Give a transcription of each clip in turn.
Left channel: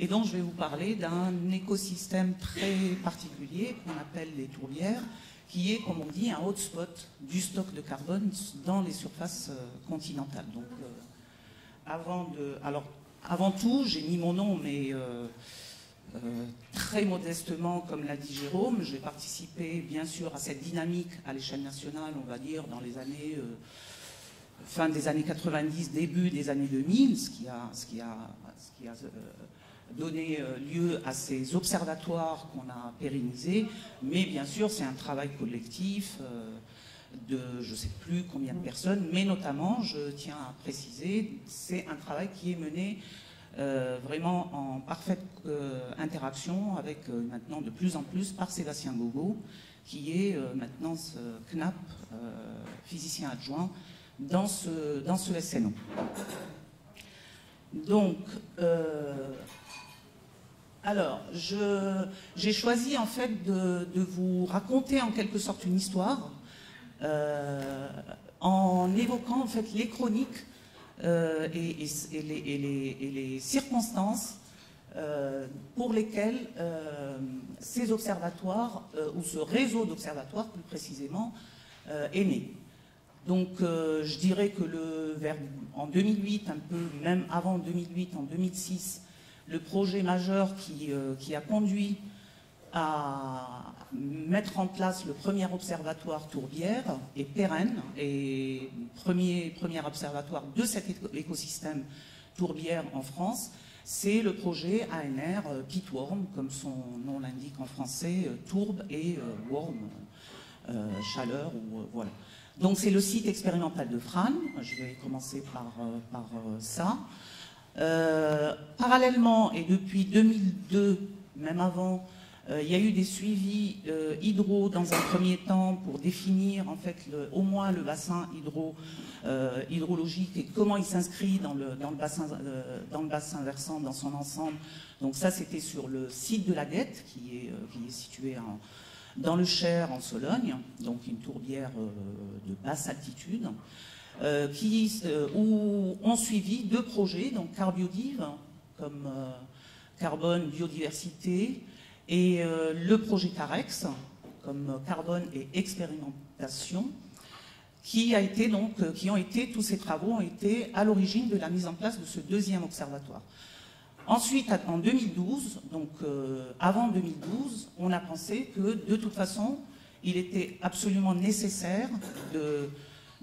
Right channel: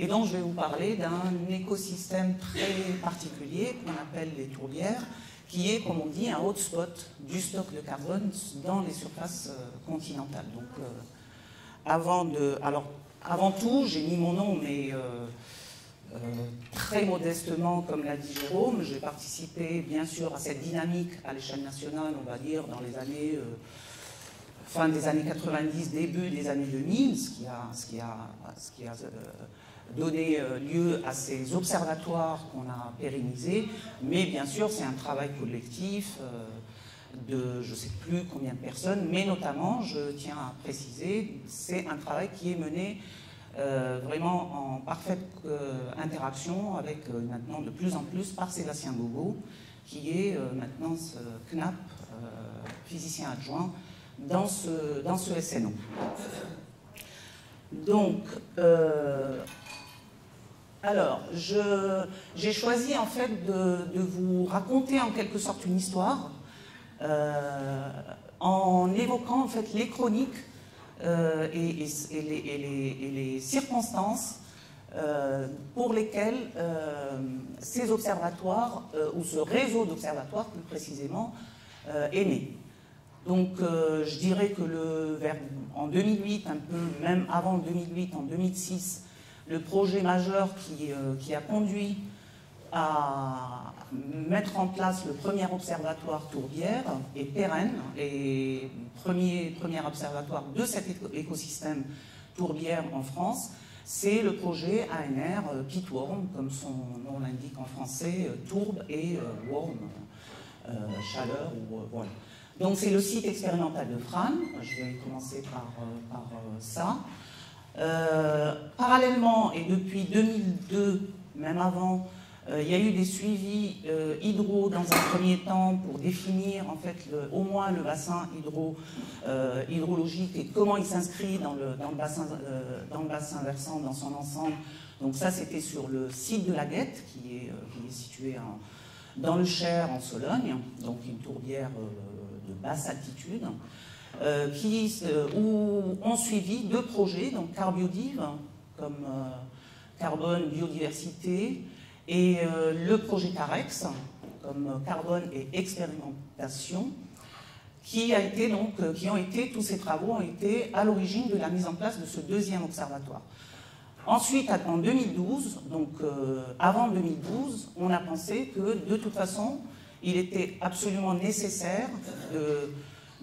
Et donc je vais vous parler d'un écosystème très particulier qu'on appelle les tourbières, qui est, comme on dit, un hotspot du stock de carbone dans les surfaces continentales. Donc, avant tout, j'ai mis mon nom, mais très modestement, comme l'a dit Jérôme, j'ai participé bien sûr à cette dynamique à l'échelle nationale, on va dire, dans les années, fin des années 90, début des années 2000, ce qui a donné lieu à ces observatoires qu'on a pérennisés, mais bien sûr c'est un travail collectif de je ne sais plus combien de personnes, mais notamment, je tiens à préciser, c'est un travail qui est mené vraiment en parfaite interaction avec maintenant de plus en plus par Sébastien Gogo, qui est maintenant ce CNAP, physicien adjoint, dans ce SNO. Donc, alors, j'ai choisi en fait de vous raconter en quelque sorte une histoire en évoquant en fait les chroniques et les circonstances pour lesquelles ces observatoires, ou ce réseau d'observatoires plus précisément, est né. Donc je dirais que en 2008, un peu même avant 2008, en 2006, le projet majeur qui a conduit à mettre en place le premier observatoire tourbière est pérenne, et premier observatoire de cet écosystème tourbière en France, c'est le projet ANR Pitworm, comme son nom l'indique en français, tourbe et worm, chaleur, voilà. Donc c'est le site expérimental de Frasnes, je vais commencer par ça. Parallèlement, et depuis 2002, même avant, il y a eu des suivis hydro dans un premier temps pour définir en fait au moins le bassin hydrologique et comment il s'inscrit dans le bassin versant dans son ensemble. Donc ça c'était sur le site de la Guette qui est situé dans le Cher en Sologne, donc une tourbière de basse altitude, où ont suivi deux projets, donc Carbiodive, comme carbone, biodiversité, et le projet CAREX, comme carbone et expérimentation, tous ces travaux ont été à l'origine de la mise en place de ce deuxième observatoire. Ensuite, en 2012, donc avant 2012, on a pensé que de toute façon, il était absolument nécessaire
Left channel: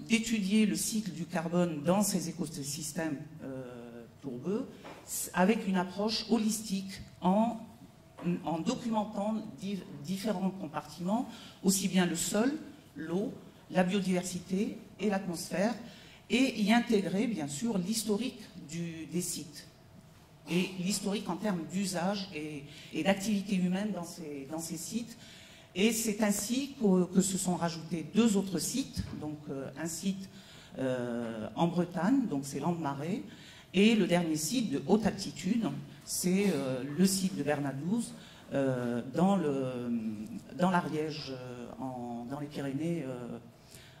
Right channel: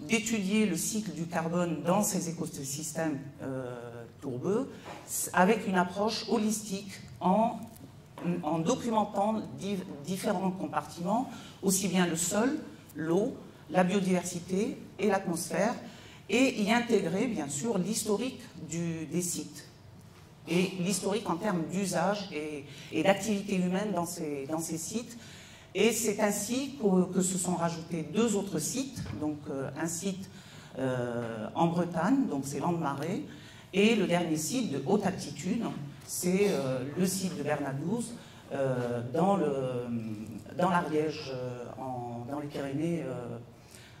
d'étudier le cycle du carbone dans ces écosystèmes tourbeux avec une approche holistique en documentant différents compartiments, aussi bien le sol, l'eau, la biodiversité et l'atmosphère, et y intégrer bien sûr l'historique des sites et l'historique en termes d'usage et d'activité humaine dans ces sites. Et c'est ainsi que se sont rajoutés deux autres sites, donc un site en Bretagne, donc c'est Landes-Marais, et le dernier site de haute altitude, c'est le site de Bernadouze, dans l'Ariège,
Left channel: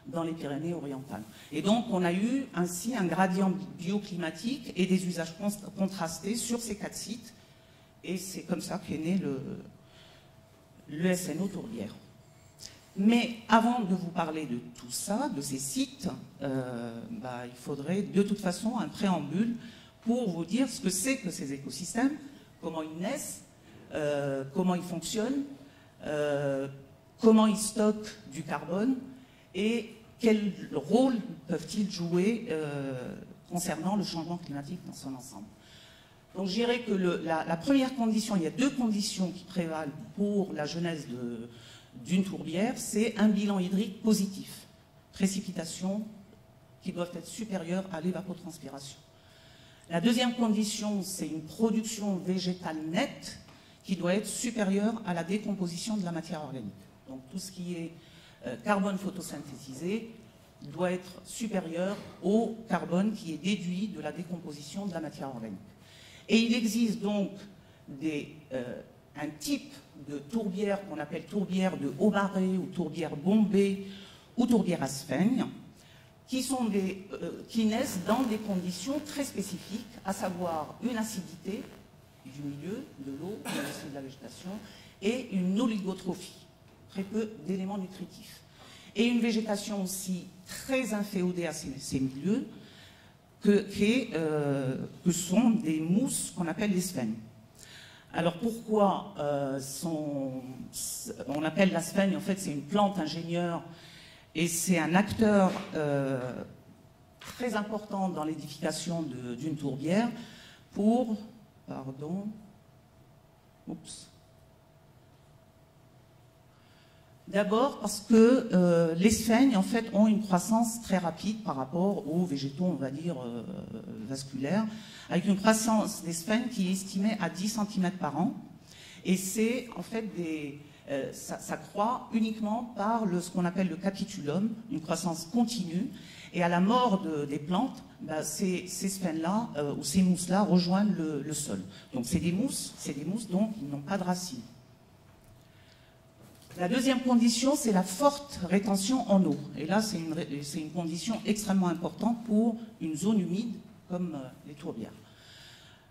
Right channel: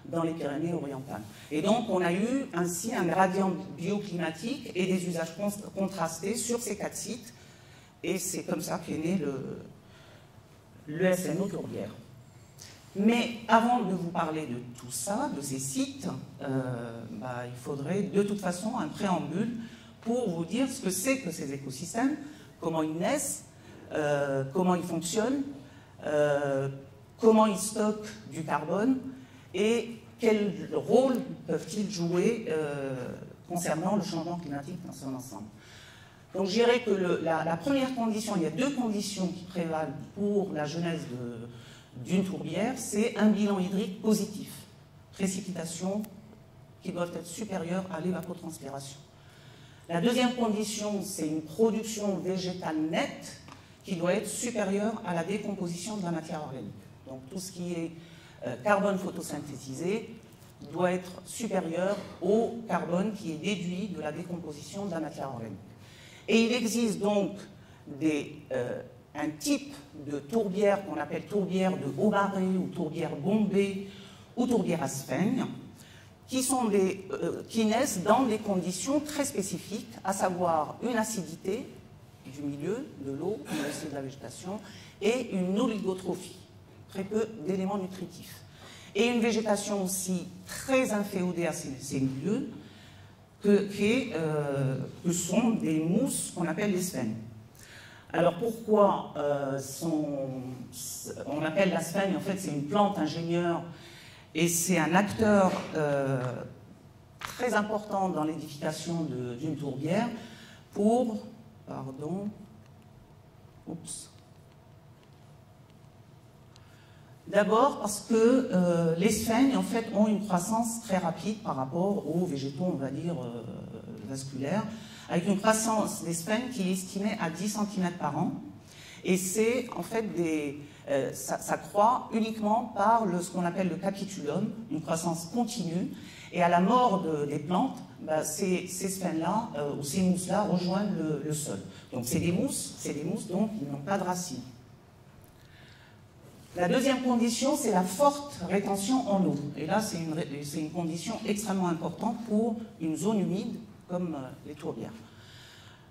dans les Pyrénées orientales. Et donc on a eu ainsi un gradient bioclimatique et des usages contrastés sur ces quatre sites, et c'est comme ça qu'est né le SNO Tourbière. Mais avant de vous parler de tout ça, de ces sites, il faudrait de toute façon un préambule pour vous dire ce que c'est que ces écosystèmes, comment ils naissent, comment ils fonctionnent, comment ils stockent du carbone et quel rôle peuvent-ils jouer concernant le changement climatique dans son ensemble. Donc je dirais que la première condition, il y a deux conditions qui prévalent pour la genèse d'une tourbière, c'est un bilan hydrique positif, précipitations qui doivent être supérieures à l'évapotranspiration. La deuxième condition, c'est une production végétale nette qui doit être supérieure à la décomposition de la matière organique. Donc tout ce qui est carbone photosynthétisé doit être supérieur au carbone qui est déduit de la décomposition de la matière organique. Et il existe donc un type de tourbière qu'on appelle tourbière de Aubarré ou tourbière bombée ou tourbière à sphène, qui naissent dans des conditions très spécifiques, à savoir une acidité du milieu végétation, et une oligotrophie, très peu d'éléments nutritifs. Et une végétation aussi très inféodée à ces milieux, que sont des mousses qu'on appelle les sphènes. Alors pourquoi on appelle la sphène, en fait c'est une plante ingénieure et c'est un acteur très important dans l'édification d'une tourbière pour, d'abord parce que les sphènes en fait ont une croissance très rapide par rapport aux végétaux, on va dire, vasculaires, avec une croissance des sphènes qui est estimée à 10 cm par an. Et c'est en fait ça croît uniquement par ce qu'on appelle le capitulum, une croissance continue. Et à la mort des plantes, ces sphènes-là, ou ces mousses-là, rejoignent le sol. Donc c'est des mousses donc qui n'ont pas de racines. La deuxième condition, c'est la forte rétention en eau. Et là, c'est une condition extrêmement importante pour une zone humide comme les tourbières.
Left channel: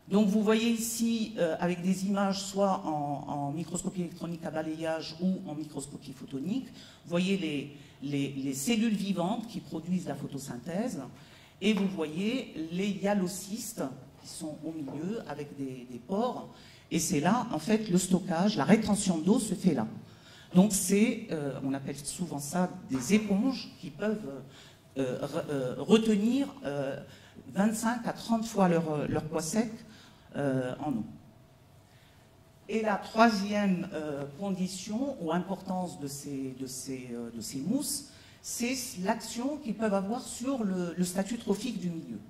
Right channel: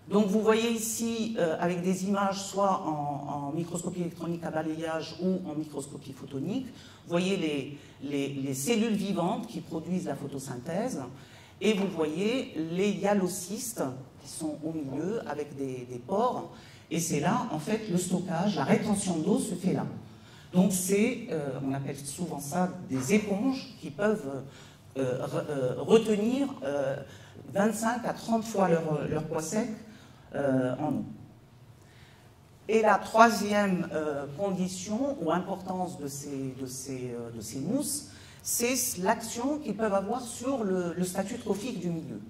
Donc vous voyez ici, avec des images soit en microscopie électronique à balayage ou en microscopie photonique, vous voyez les cellules vivantes qui produisent la photosynthèse, et vous voyez les hyalocystes qui sont au milieu avec des pores, et c'est là, en fait, le stockage, la rétention d'eau se fait là. Donc on appelle souvent ça des éponges qui peuvent retenir 25 à 30 fois leur poids sec en eau. Et la troisième condition ou importance de ces mousses, c'est l'action qu'ils peuvent avoir sur le statut trophique du milieu.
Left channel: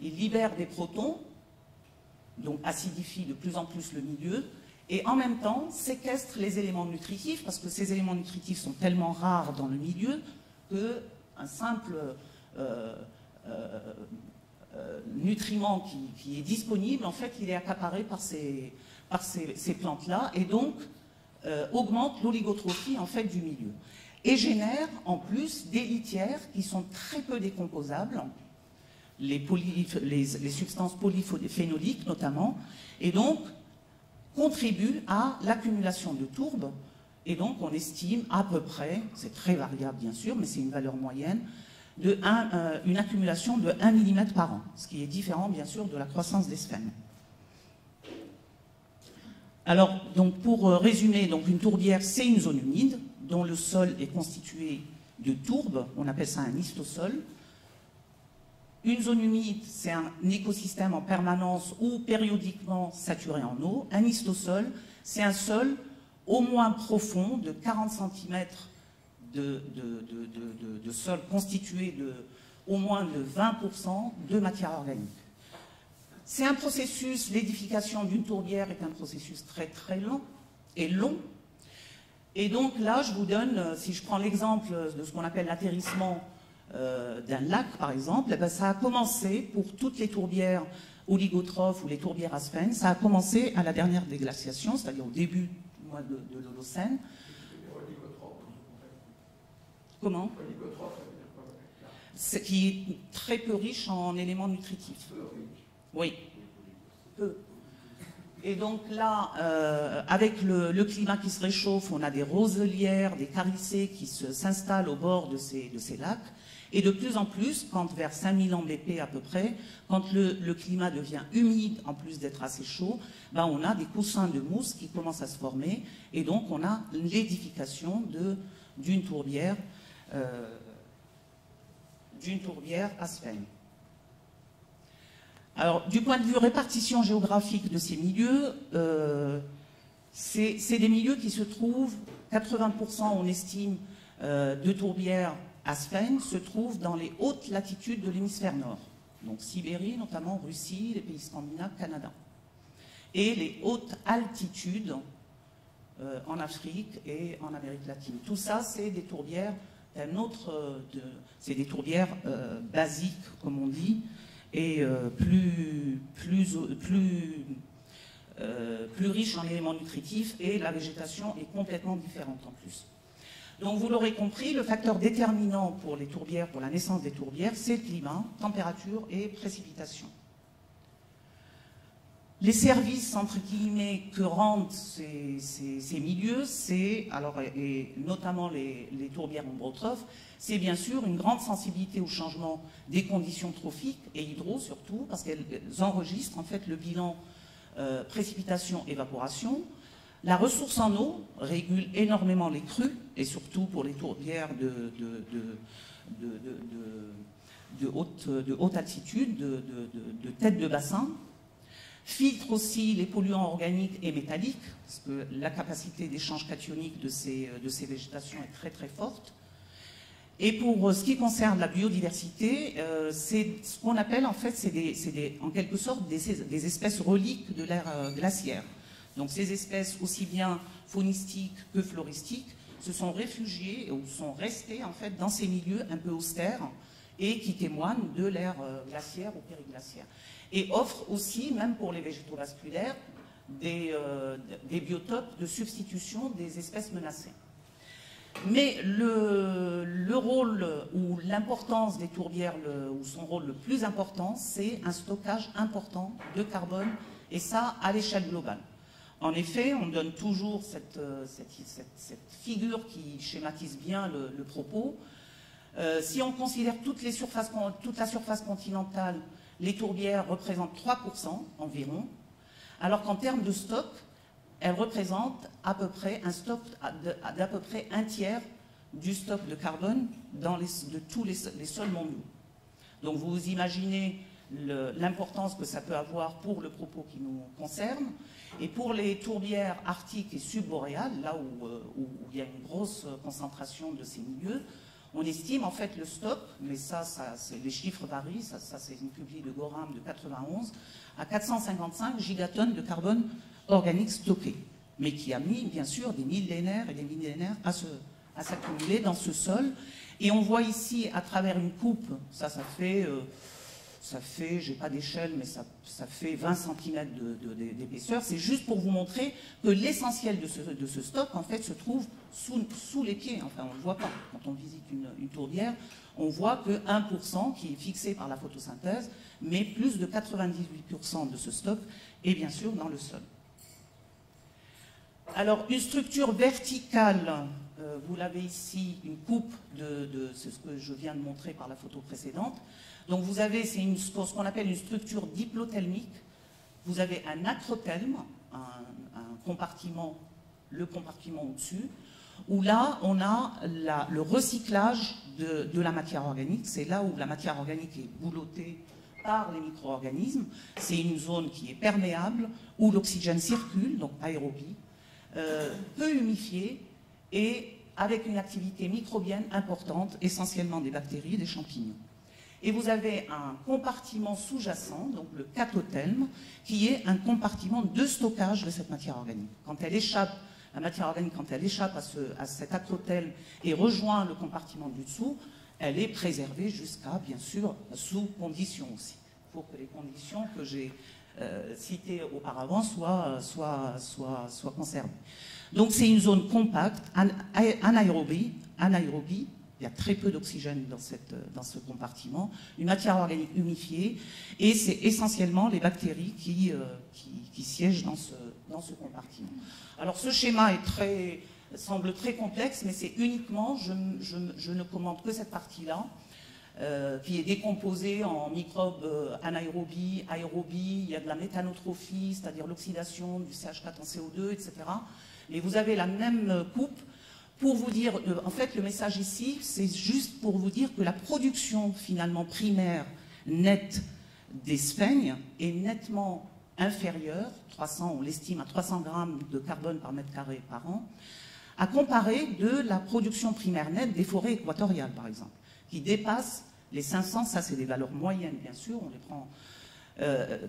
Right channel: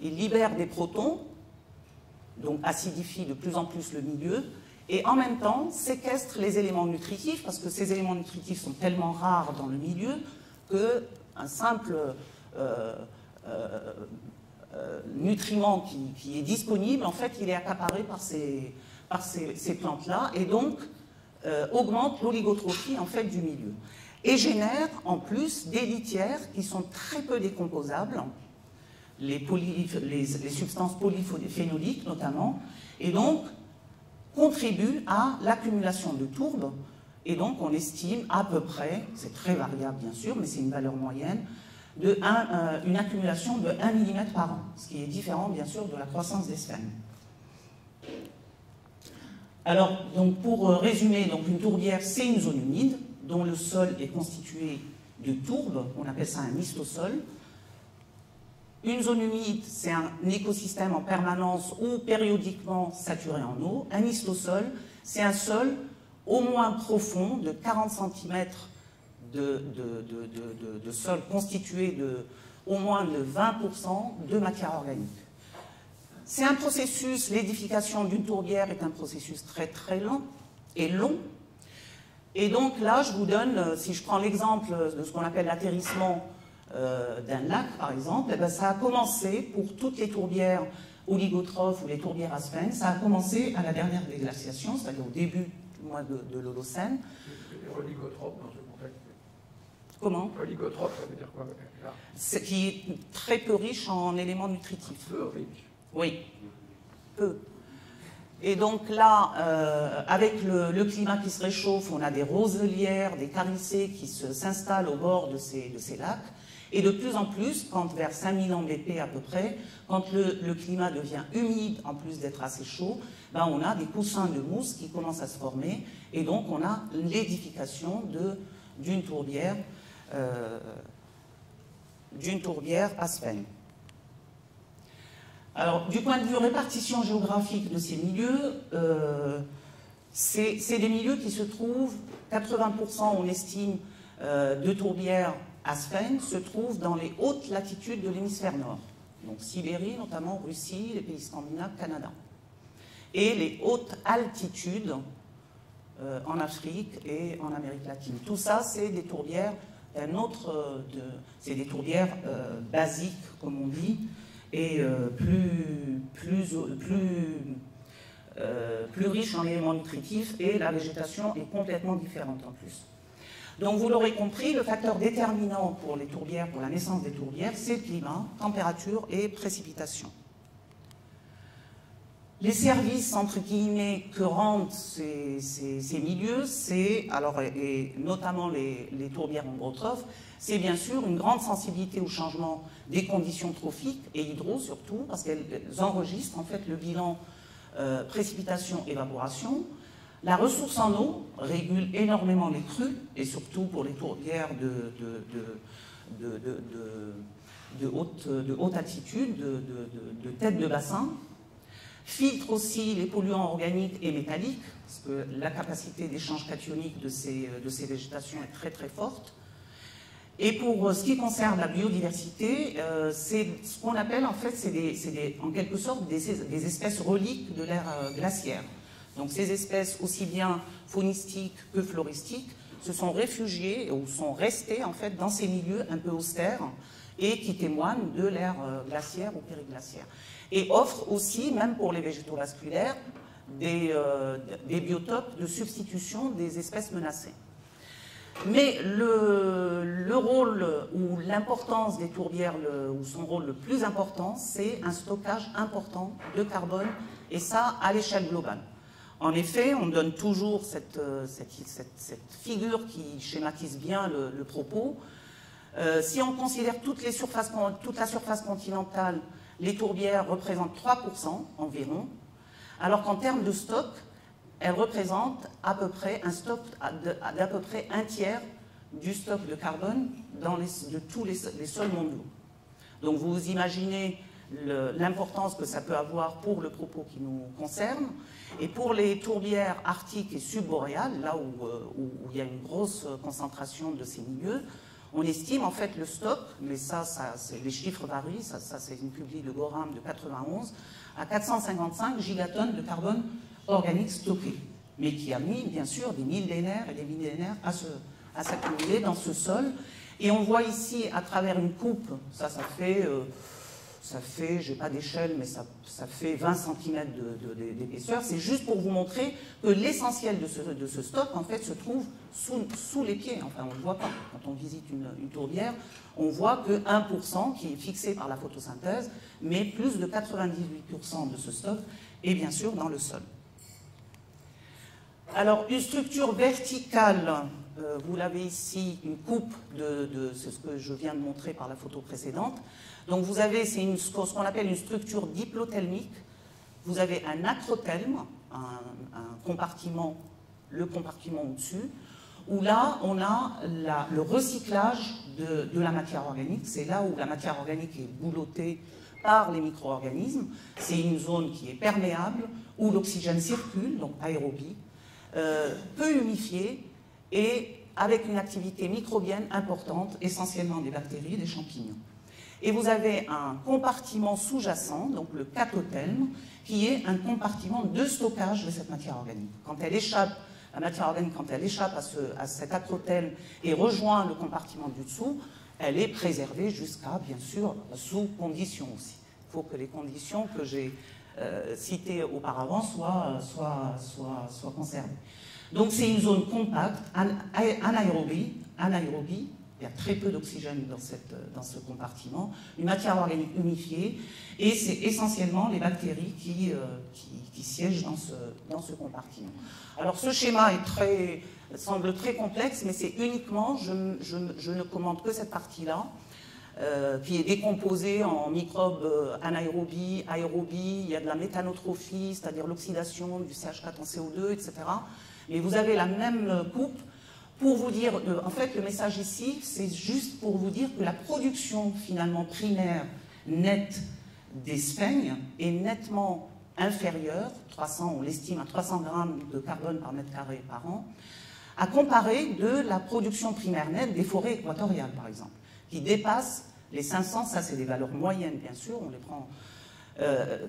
Ils libèrent des protons, donc acidifient de plus en plus le milieu, et en même temps séquestrent les éléments nutritifs, parce que ces éléments nutritifs sont tellement rares dans le milieu qu'un simple nutriment qui est disponible, en fait, il est accaparé par ces plantes-là, et donc augmente l'oligotrophie en fait du milieu. Et génère en plus des litières qui sont très peu décomposables, les substances polyphénoliques notamment, et donc contribue à l'accumulation de tourbes, et donc on estime à peu près, c'est très variable bien sûr, mais c'est une valeur moyenne, une accumulation de 1 mm par an, ce qui est différent bien sûr de la croissance des sphènes. Alors, donc, pour résumer, donc, une tourbière, c'est une zone humide dont le sol est constitué de tourbes, on appelle ça un histosol. Une zone humide, c'est un écosystème en permanence ou périodiquement saturé en eau. Un histosol, c'est un sol au moins profond de 40 cm de sol constitué de au moins de 20% de matière organique. C'est un processus, l'édification d'une tourbière est un processus très très lent et long. Et donc là, je vous donne, si je prends l'exemple de ce qu'on appelle l'atterrissement d'un lac, par exemple, eh bien, ça a commencé pour toutes les tourbières oligotrophes ou les tourbières à sphènes, ça a commencé à la dernière déglaciation, c'est-à-dire au début du mois de l'Holocène. Comment? Oligotrophe, ça veut dire quoi? C'est qui est très peu riche en éléments nutritifs. Peu riche. Oui, peu. Et donc là, avec le climat qui se réchauffe, on a des roselières, des caricées qui s'installent au bord de ces lacs. Et de plus en plus, quand vers 5000 ans de l'épée à peu près, quand le climat devient humide, en plus d'être assez chaud, ben on a des coussins de mousse qui commencent à se former. Et donc on a l'édification d'une tourbière à sphène. Alors, du point de vue répartition géographique de ces milieux, c'est des milieux qui se trouvent, 80% on estime de tourbières à sphène, se trouvent dans les hautes latitudes de l'hémisphère nord. Donc Sibérie, notamment Russie, les pays scandinaves, Canada. Et les hautes altitudes en Afrique et en Amérique latine. Tout ça, c'est des tourbières c'est des tourbières basiques, comme on dit, et plus riches en éléments nutritifs, et la végétation est complètement différente en plus. Donc vous l'aurez compris, le facteur déterminant pour les tourbières, pour la naissance des tourbières, c'est le climat, température et précipitation. Les services, entre guillemets, que rendent ces milieux, et notamment les tourbières ombrotrophes, c'est bien sûr une grande sensibilité au changement des conditions trophiques et hydro surtout, parce qu'elles enregistrent en fait le bilan précipitation-évaporation. La ressource en eau régule énormément les crues, et surtout pour les tourbières de haute altitude, de tête de bassin. Filtre aussi les polluants organiques et métalliques, parce que la capacité d'échange cationique de ces végétations est très très forte. Et pour ce qui concerne la biodiversité, c'est ce qu'on appelle en fait, en quelque sorte des espèces reliques de l'ère glaciaire. Donc ces espèces aussi bien faunistiques que floristiques se sont réfugiées ou sont restées en fait dans ces milieux un peu austères et qui témoignent de l'ère glaciaire ou périglaciaire. Et offrent aussi, même pour les végétaux vasculaires, des biotopes de substitution des espèces menacées. Mais le rôle ou l'importance des tourbières, ou son rôle le plus important, c'est un stockage important de carbone, et ça à l'échelle globale. En effet, on donne toujours cette figure qui schématise bien le propos. Si on considère toute la surface continentale, les tourbières représentent 3% environ, alors qu'en termes de stock, elles représentent à peu près un stock d'à peu près un tiers du stock de carbone de tous les sols mondiaux. Donc vous imaginez l'importance que ça peut avoir pour le propos qui nous concerne. Et pour les tourbières arctiques et subboréales, là où il y a une grosse concentration de ces milieux, on estime en fait le stock, mais les chiffres varient, ça c'est une publie de Gorham de 91, à 455 gigatonnes de carbone organique stocké, mais qui a mis bien sûr des millénaires et des millénaires à s'accumuler dans ce sol. Et on voit ici à travers une coupe, ça fait, j'ai pas d'échelle, mais ça fait 20 cm d'épaisseur. C'est juste pour vous montrer que l'essentiel de ce stock, en fait, se trouve sous les pieds. Enfin, on voit quand on visite une tourbière, on voit que 1% qui est fixé par la photosynthèse, mais plus de 98% de ce stock est bien sûr dans le sol. Alors, une structure verticale, vous l'avez ici, une coupe c'est ce que je viens de montrer par la photo précédente. Donc vous avez, c'est ce qu'on appelle une structure diplothelmique. Vous avez un acrothelme, un compartiment, le compartiment au-dessus, où là, on a le recyclage de la matière organique. C'est là où la matière organique est boulottée par les micro-organismes. C'est une zone qui est perméable, où l'oxygène circule, donc aérobie, peu humifiée et avec une activité microbienne importante, essentiellement des bactéries et des champignons. Et vous avez un compartiment sous-jacent, donc le catothelme, qui est un compartiment de stockage de cette matière organique. Quand elle échappe, la matière organique, quand elle échappe à cet acrothelme et rejoint le compartiment du dessous, elle est préservée jusqu'à, bien sûr, sous conditions aussi. Il faut que les conditions que j'ai citées auparavant soient conservées. Donc c'est une zone compacte, anaérobie. Il y a très peu d'oxygène dans ce compartiment, une matière organique humifiée, et c'est essentiellement les bactéries qui siègent dans ce compartiment. Alors ce schéma semble très complexe, mais c'est uniquement, je ne commande que cette partie-là, qui est décomposée en microbes anaérobie, aérobie, il y a de la méthanotrophie, c'est-à-dire l'oxydation du CH4 en CO2, etc. Mais vous avez la même coupe. Pour vous dire, en fait, le message ici, c'est juste pour vous dire que la production, finalement, primaire, nette des sphènes est nettement inférieure, on l'estime à 300 grammes de carbone par mètre carré par an, à comparer de la production primaire nette des forêts équatoriales, par exemple, qui dépassent les 500, ça c'est des valeurs moyennes, bien sûr, on les prend,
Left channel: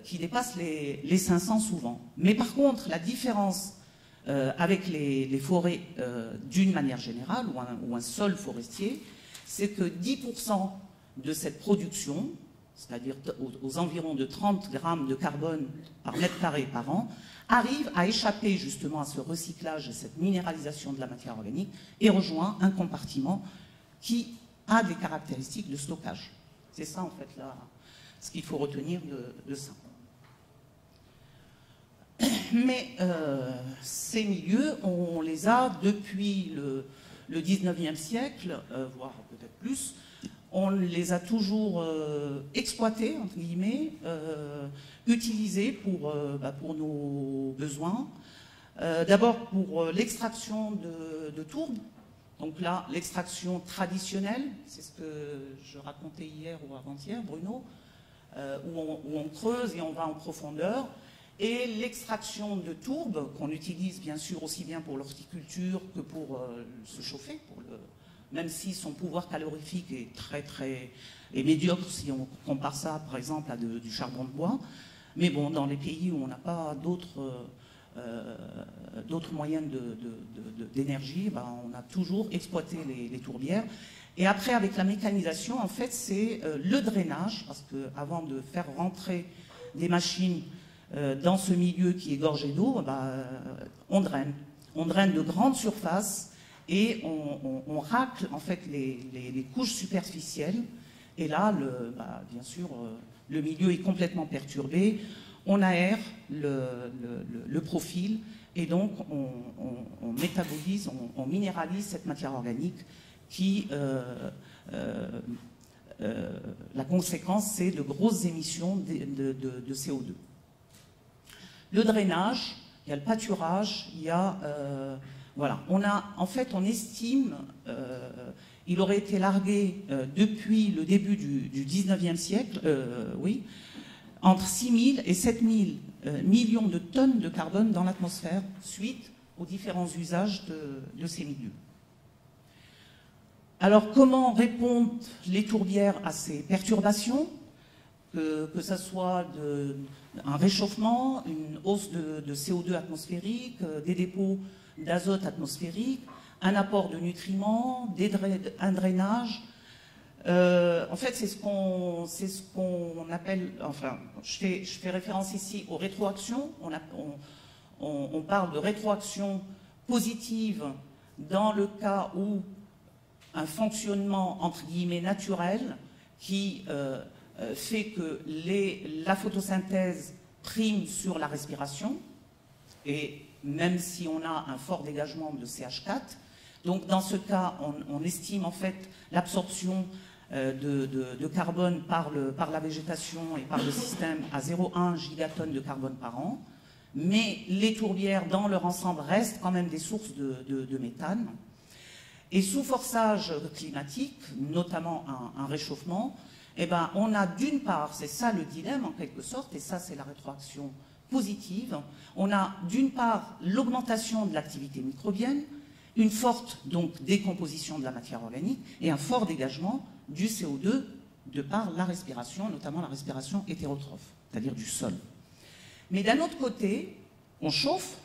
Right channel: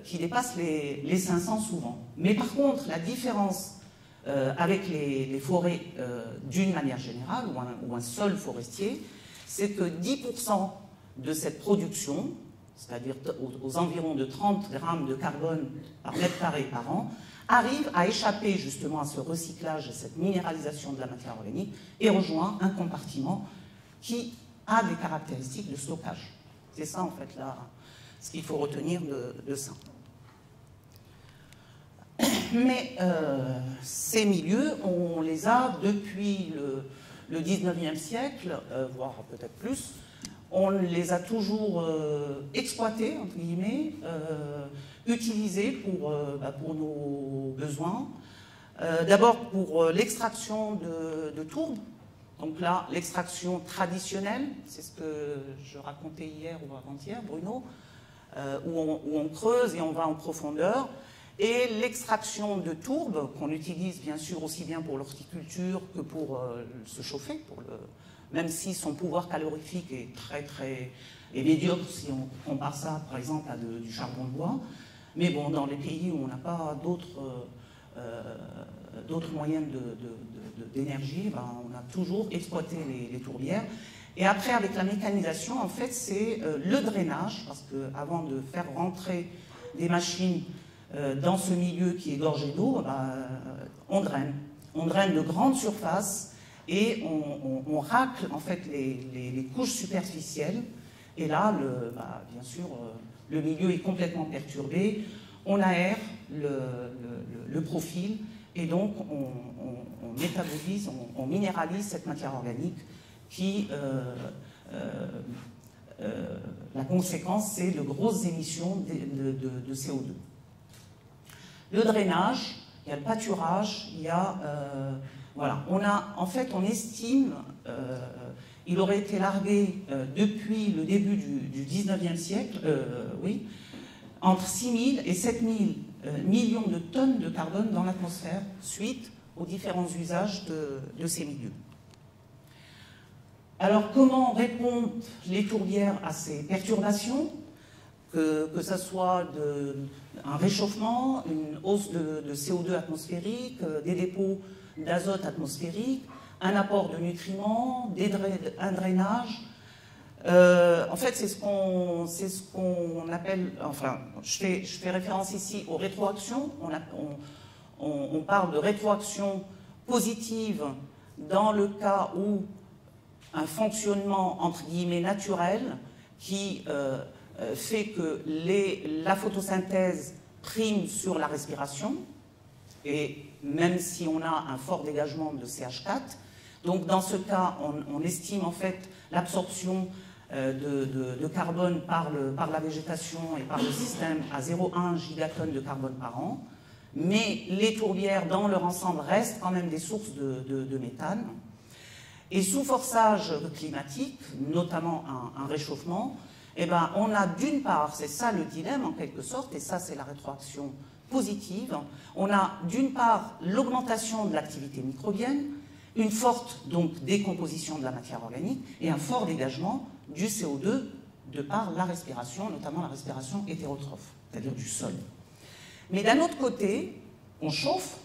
qui dépassent les 500 souvent. Mais par contre, la différence avec les forêts d'une manière générale, ou un sol forestier, c'est que 10% de cette production, c'est-à-dire aux environs de 30 grammes de carbone par mètre carré par an, arrive à échapper justement à ce recyclage et cette minéralisation de la matière organique et rejoint un compartiment qui a des caractéristiques de stockage. C'est ça en fait là, ce qu'il faut retenir de ça. Mais ces milieux, on les a depuis le 19e siècle, voire peut-être plus, on les a toujours exploités, entre guillemets, utilisés pour nos besoins. D'abord pour l'extraction de tourbe. Donc là, l'extraction traditionnelle, c'est ce que je racontais hier ou avant-hier, Bruno, où on creuse et on va en profondeur. Et l'extraction de tourbe, qu'on utilise bien sûr aussi bien pour l'horticulture que pour se chauffer, même si son pouvoir calorifique est très médiocre si on compare ça par exemple à du charbon de bois. Mais bon, dans les pays où on n'a pas d'autres moyens d'énergie, ben, on a toujours exploité les tourbières. Et après, avec la mécanisation, en fait, c'est le drainage, parce qu'avant de faire rentrer des machines dans ce milieu qui est gorgé d'eau, ben, on draine. On draine de grandes surfaces et on racle en fait les couches superficielles. Et là, bien sûr, le milieu est complètement perturbé. On aère le profil et donc on métabolise, on minéralise cette matière organique qui, la conséquence, c'est de grosses émissions de CO2. Le drainage, il y a le pâturage, il y a... voilà, en fait, on estime, il aurait été largué depuis le début du 19e siècle, oui, entre 6 000 et 7 000 millions de tonnes de carbone dans l'atmosphère suite aux différents usages de ces milieux. Alors, comment répondent les tourbières à ces perturbations, que ce soit un réchauffement, une hausse de CO2 atmosphérique, des dépôts d'azote atmosphérique, un apport de nutriments, un drainage. En fait, c'est ce qu'on appelle, enfin, je fais référence ici aux rétroactions. On parle de rétroaction positive dans le cas où un fonctionnement, entre guillemets, naturel qui fait que la photosynthèse prime sur la respiration, et même si on a un fort dégagement de CH4, donc dans ce cas, on estime en fait l'absorption de carbone par la végétation et par le système à 0,1 gigatonnes de carbone par an, mais les tourbières dans leur ensemble restent quand même des sources de méthane. Et sous forçage climatique, notamment un réchauffement, eh ben, on a d'une part, c'est ça le dilemme en quelque sorte, et ça c'est la rétroaction positive, on a d'une part l'augmentation de l'activité microbienne, une forte donc décomposition de la matière organique et un fort dégagement du CO2 de par la respiration, notamment la respiration hétérotrophe, c'est-à-dire du sol. Mais d'un autre côté, on chauffe,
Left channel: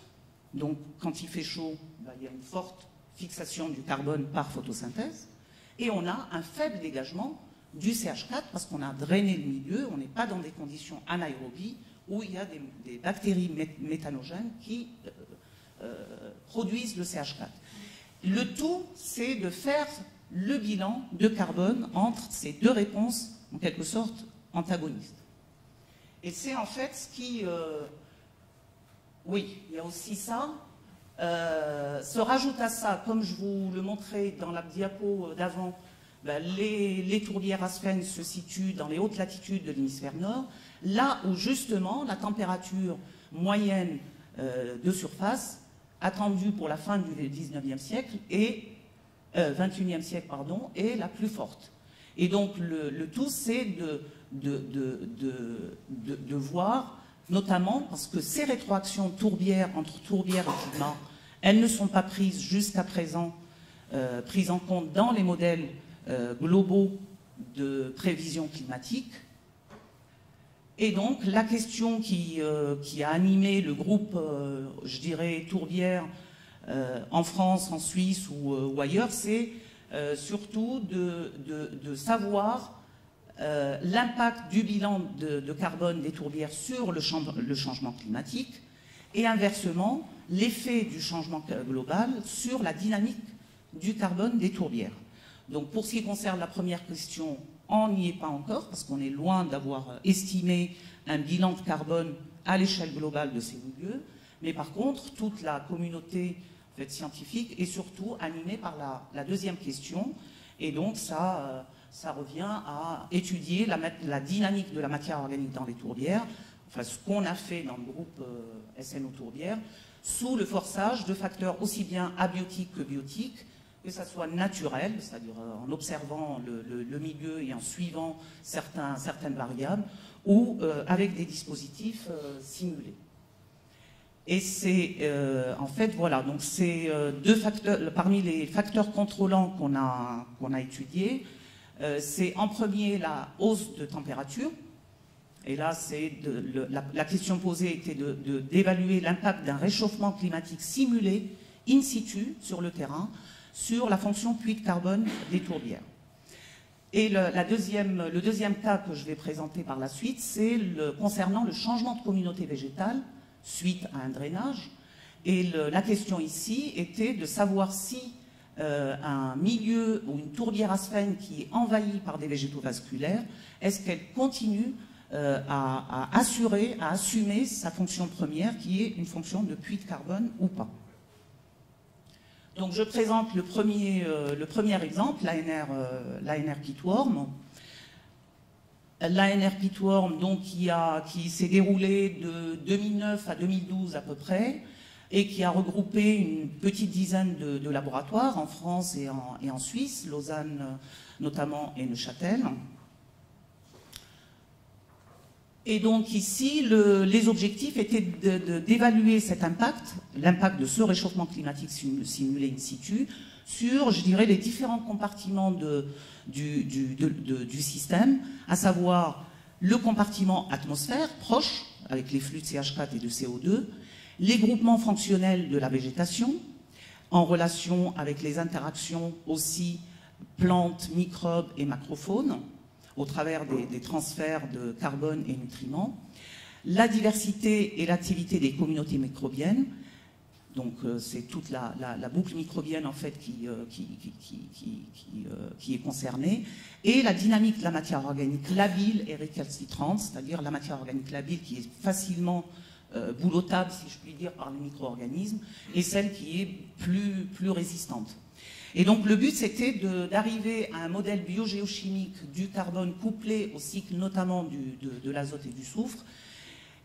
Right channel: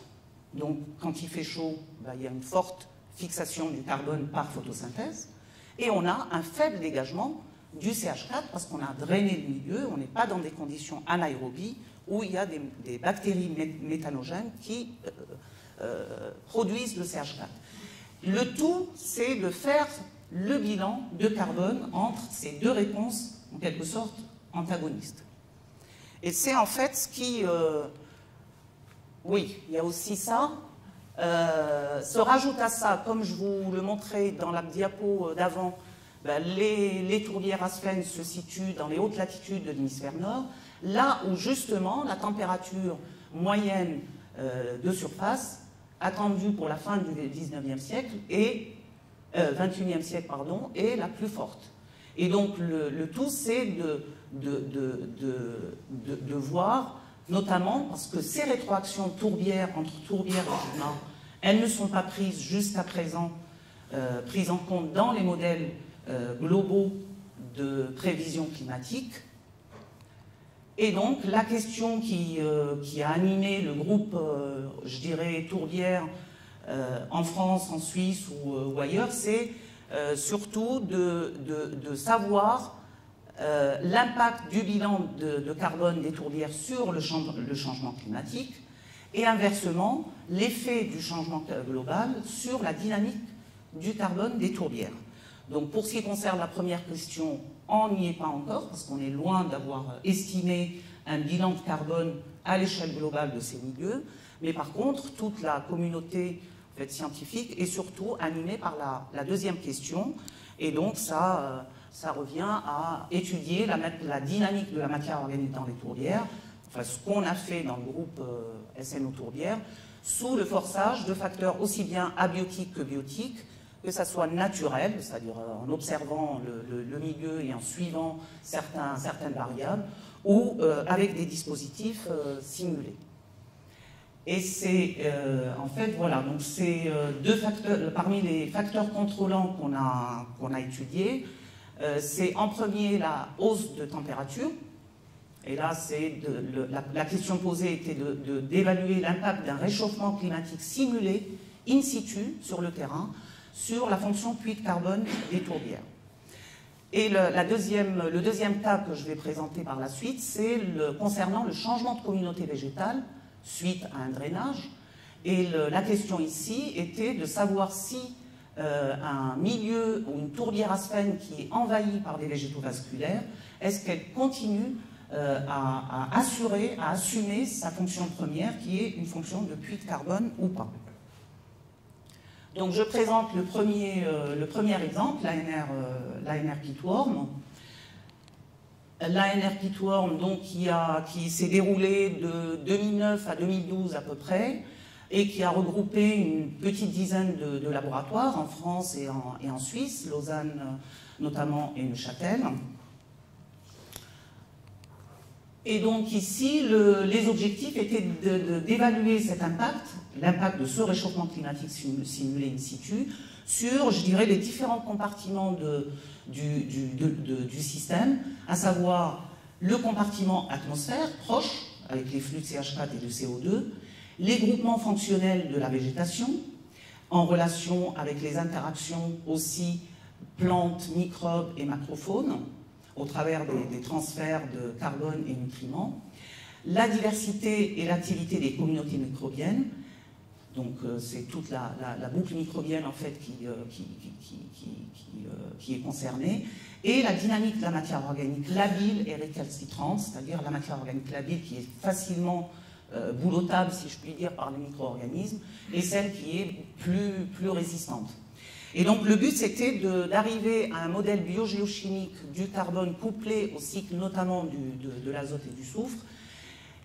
donc quand il fait chaud, ben, il y a une forte fixation du carbone par photosynthèse, et on a un faible dégagement du CH4 parce qu'on a drainé le milieu, on n'est pas dans des conditions anaérobies où il y a des bactéries méthanogènes qui produisent le CH4. Le tout, c'est de faire le bilan de carbone entre ces deux réponses, en quelque sorte, antagonistes. Et c'est en fait ce qui... oui, il y a aussi ça. Se rajoute à ça, comme je vous le montrais dans la diapo d'avant, ben, les tourbières Aspen se situent dans les hautes latitudes de l'hémisphère nord, là où justement la température moyenne de surface attendue pour la fin du 19e siècle et 21e siècle, pardon, est la plus forte. Et donc le tout, c'est de voir, notamment parce que ces rétroactions tourbières entre tourbières et climat, elles ne sont pas prises jusqu'à présent prises en compte dans les modèles globaux de prévision climatique. Et donc la question qui a animé le groupe, je dirais, tourbière en France, en Suisse ou ailleurs, c'est surtout de savoir l'impact du bilan de carbone des tourbières sur le changement climatique et inversement l'effet du changement global sur la dynamique du carbone des tourbières. Donc pour ce qui concerne la première question, on n'y est pas encore parce qu'on est loin d'avoir estimé un bilan de carbone à l'échelle globale de ces milieux, Mais par contre, toute la communauté en fait, scientifique est surtout animée par la deuxième question. Et donc, ça revient à étudier la dynamique de la matière organique dans les tourbières, enfin, ce qu'on a fait dans le groupe SNO Tourbières, sous le forçage de facteurs aussi bien abiotiques que biotiques, que ça soit naturel, c'est-à-dire en observant le milieu et en suivant certaines variables, ou avec des dispositifs simulés. Et c'est, en fait, voilà, donc c'est deux facteurs, parmi les facteurs contrôlants qu'on a étudiés, c'est en premier la hausse de température. Et là, la question posée était d'évaluer l'impact d'un réchauffement climatique simulé in situ sur le terrain sur la fonction puits de carbone des tourbières. Et le deuxième cas que je vais présenter par la suite, c'est concernant le changement de communauté végétale suite à un drainage. Et la question ici était de savoir si un milieu ou une tourbière asphène qui est envahie par des végétaux vasculaires, est-ce qu'elle continue à assumer sa fonction première, qui est une fonction de puits de carbone ou pas. Donc je présente le premier exemple, l'ANR Pitworm. L'ANR Pitworm, donc, qui s'est déroulé de 2009 à 2012 à peu près, et qui a regroupé une petite dizaine de laboratoires en France et en Suisse, Lausanne notamment et Neuchâtel. Et donc ici, les objectifs étaient d'évaluer cet impact, l'impact de ce réchauffement climatique simulé in situ, sur, je dirais, les différents compartiments du système, à savoir le compartiment atmosphère, proche, avec les flux de CH4 et de CO2, les groupements fonctionnels de la végétation, en relation avec les interactions aussi plantes, microbes et macrophones, au travers des transferts de carbone et nutriments, la diversité et l'activité des communautés microbiennes, donc c'est toute la boucle microbienne en fait qui est concernée, et la dynamique de la matière organique labile et récalcitrante, c'est-à-dire la matière organique labile qui est facilement boulottable, si je puis dire, par les micro-organismes, et celle qui est plus résistante. Et donc le but, c'était d'arriver à un modèle biogéochimique du carbone couplé au cycle notamment de l'azote et du soufre,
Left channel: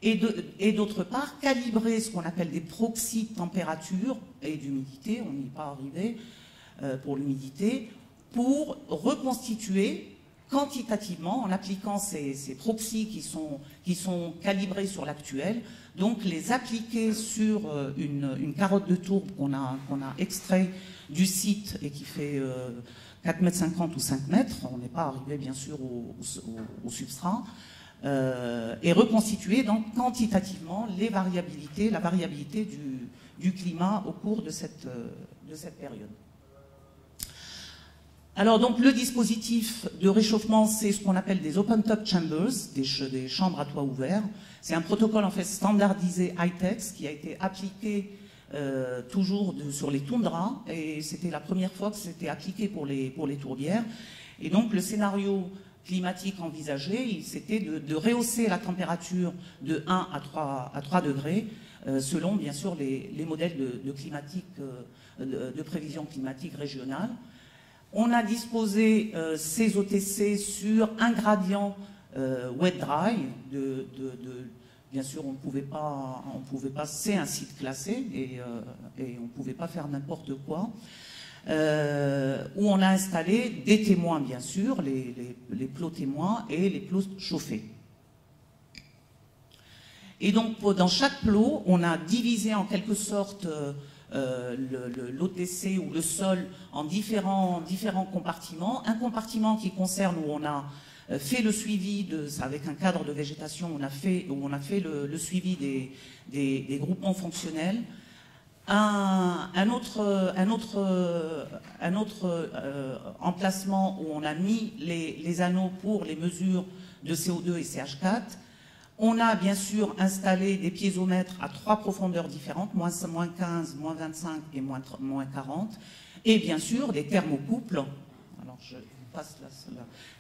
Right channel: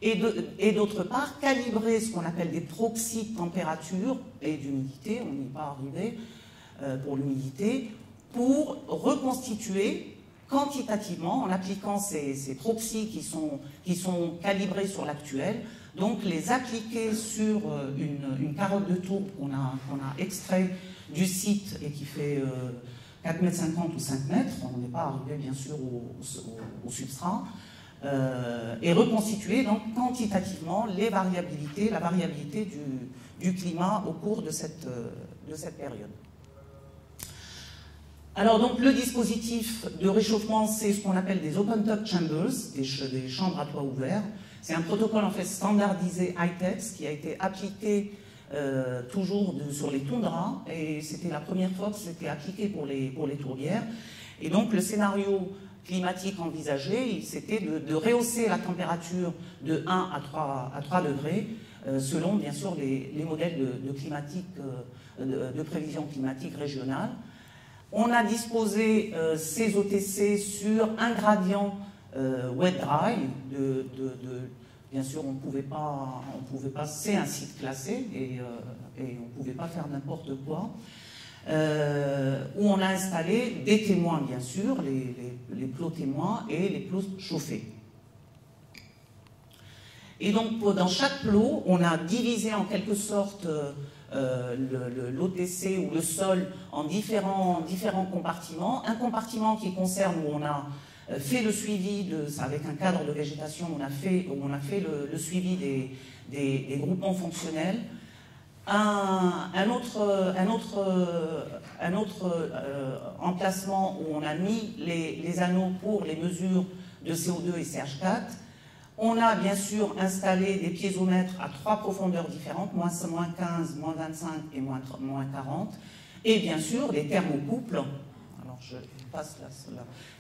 et d'autre part, calibrer ce qu'on appelle des proxys de température et d'humidité, on n'y est pas arrivé pour l'humidité, pour reconstituer quantitativement, en appliquant ces proxys qui sont calibrés sur l'actuel, donc les appliquer sur une carotte de tourbe qu'on a extrait du site et qui fait 4,50 m ou 5 mètres, on n'est pas arrivé bien sûr au substrat, et reconstituer donc quantitativement la variabilité du climat au cours de cette période. Alors donc le dispositif de réchauffement, c'est ce qu'on appelle des open top chambers, des chambres à toit ouvert. C'est un protocole en fait standardisé ITEX qui a été appliqué toujours sur les toundras, et c'était la première fois que c'était appliqué pour les tourbières. Et donc le scénario climatique envisagé, c'était de rehausser la température de 1 à 3 degrés, selon bien sûr les modèles de prévision climatique régionale. On a disposé ces OTC sur un gradient wet-dry. Bien sûr, on ne pouvait pas, c'est un site classé et on ne pouvait pas faire n'importe quoi. Où on a installé des témoins, bien sûr, les plots témoins et les plots chauffés. Et donc, dans chaque plot, on a divisé en quelque sorte l'OTC ou le sol en différents compartiments. Un compartiment qui concerne où on a fait le suivi, avec un cadre de végétation, on a fait le suivi des groupements fonctionnels. Un autre emplacement où on a mis les anneaux pour les mesures de CO2 et CH4. On a bien sûr installé des piézomètres à 3 profondeurs différentes, moins 15, moins 25 et moins 40. Et bien sûr, des thermocouples. Alors je passe là.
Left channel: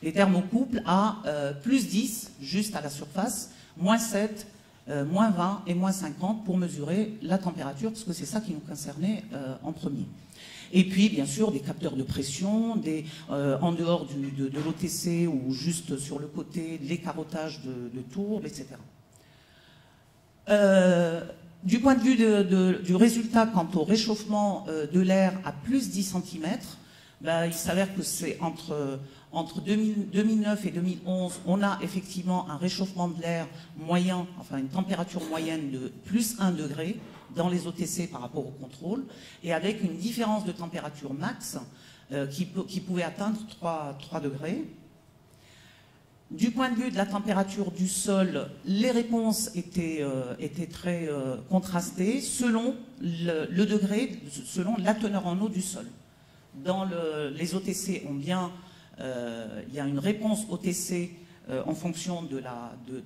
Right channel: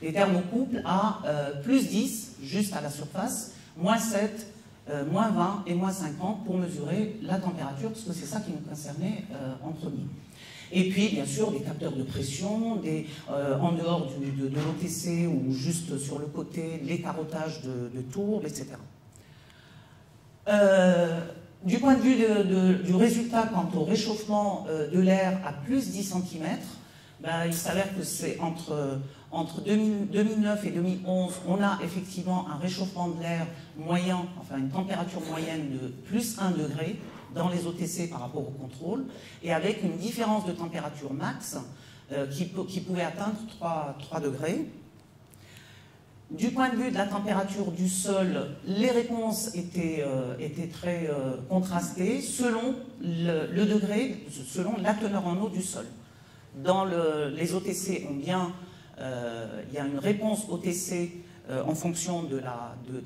Les thermocouples à plus 10, juste à la surface, moins 7 moins 20 et moins 50 pour mesurer la température, parce que c'est ça qui nous concernait en premier. Et puis, bien sûr, des capteurs de pression, en dehors de l'OTC ou juste sur le côté, les carottages de tourbes, etc. Du point de vue du résultat quant au réchauffement de l'air à plus 10 cm, ben, il s'avère que c'est entre 2009 et 2011, on a effectivement un réchauffement de l'air moyen, enfin une température moyenne de plus 1 degré dans les OTC par rapport au contrôle, et avec une différence de température max qui pouvait atteindre 3 degrés. Du point de vue de la température du sol, les réponses étaient très contrastées selon le degré, selon la teneur en eau du sol. Dans les OTC, il y a une réponse OTC en fonction de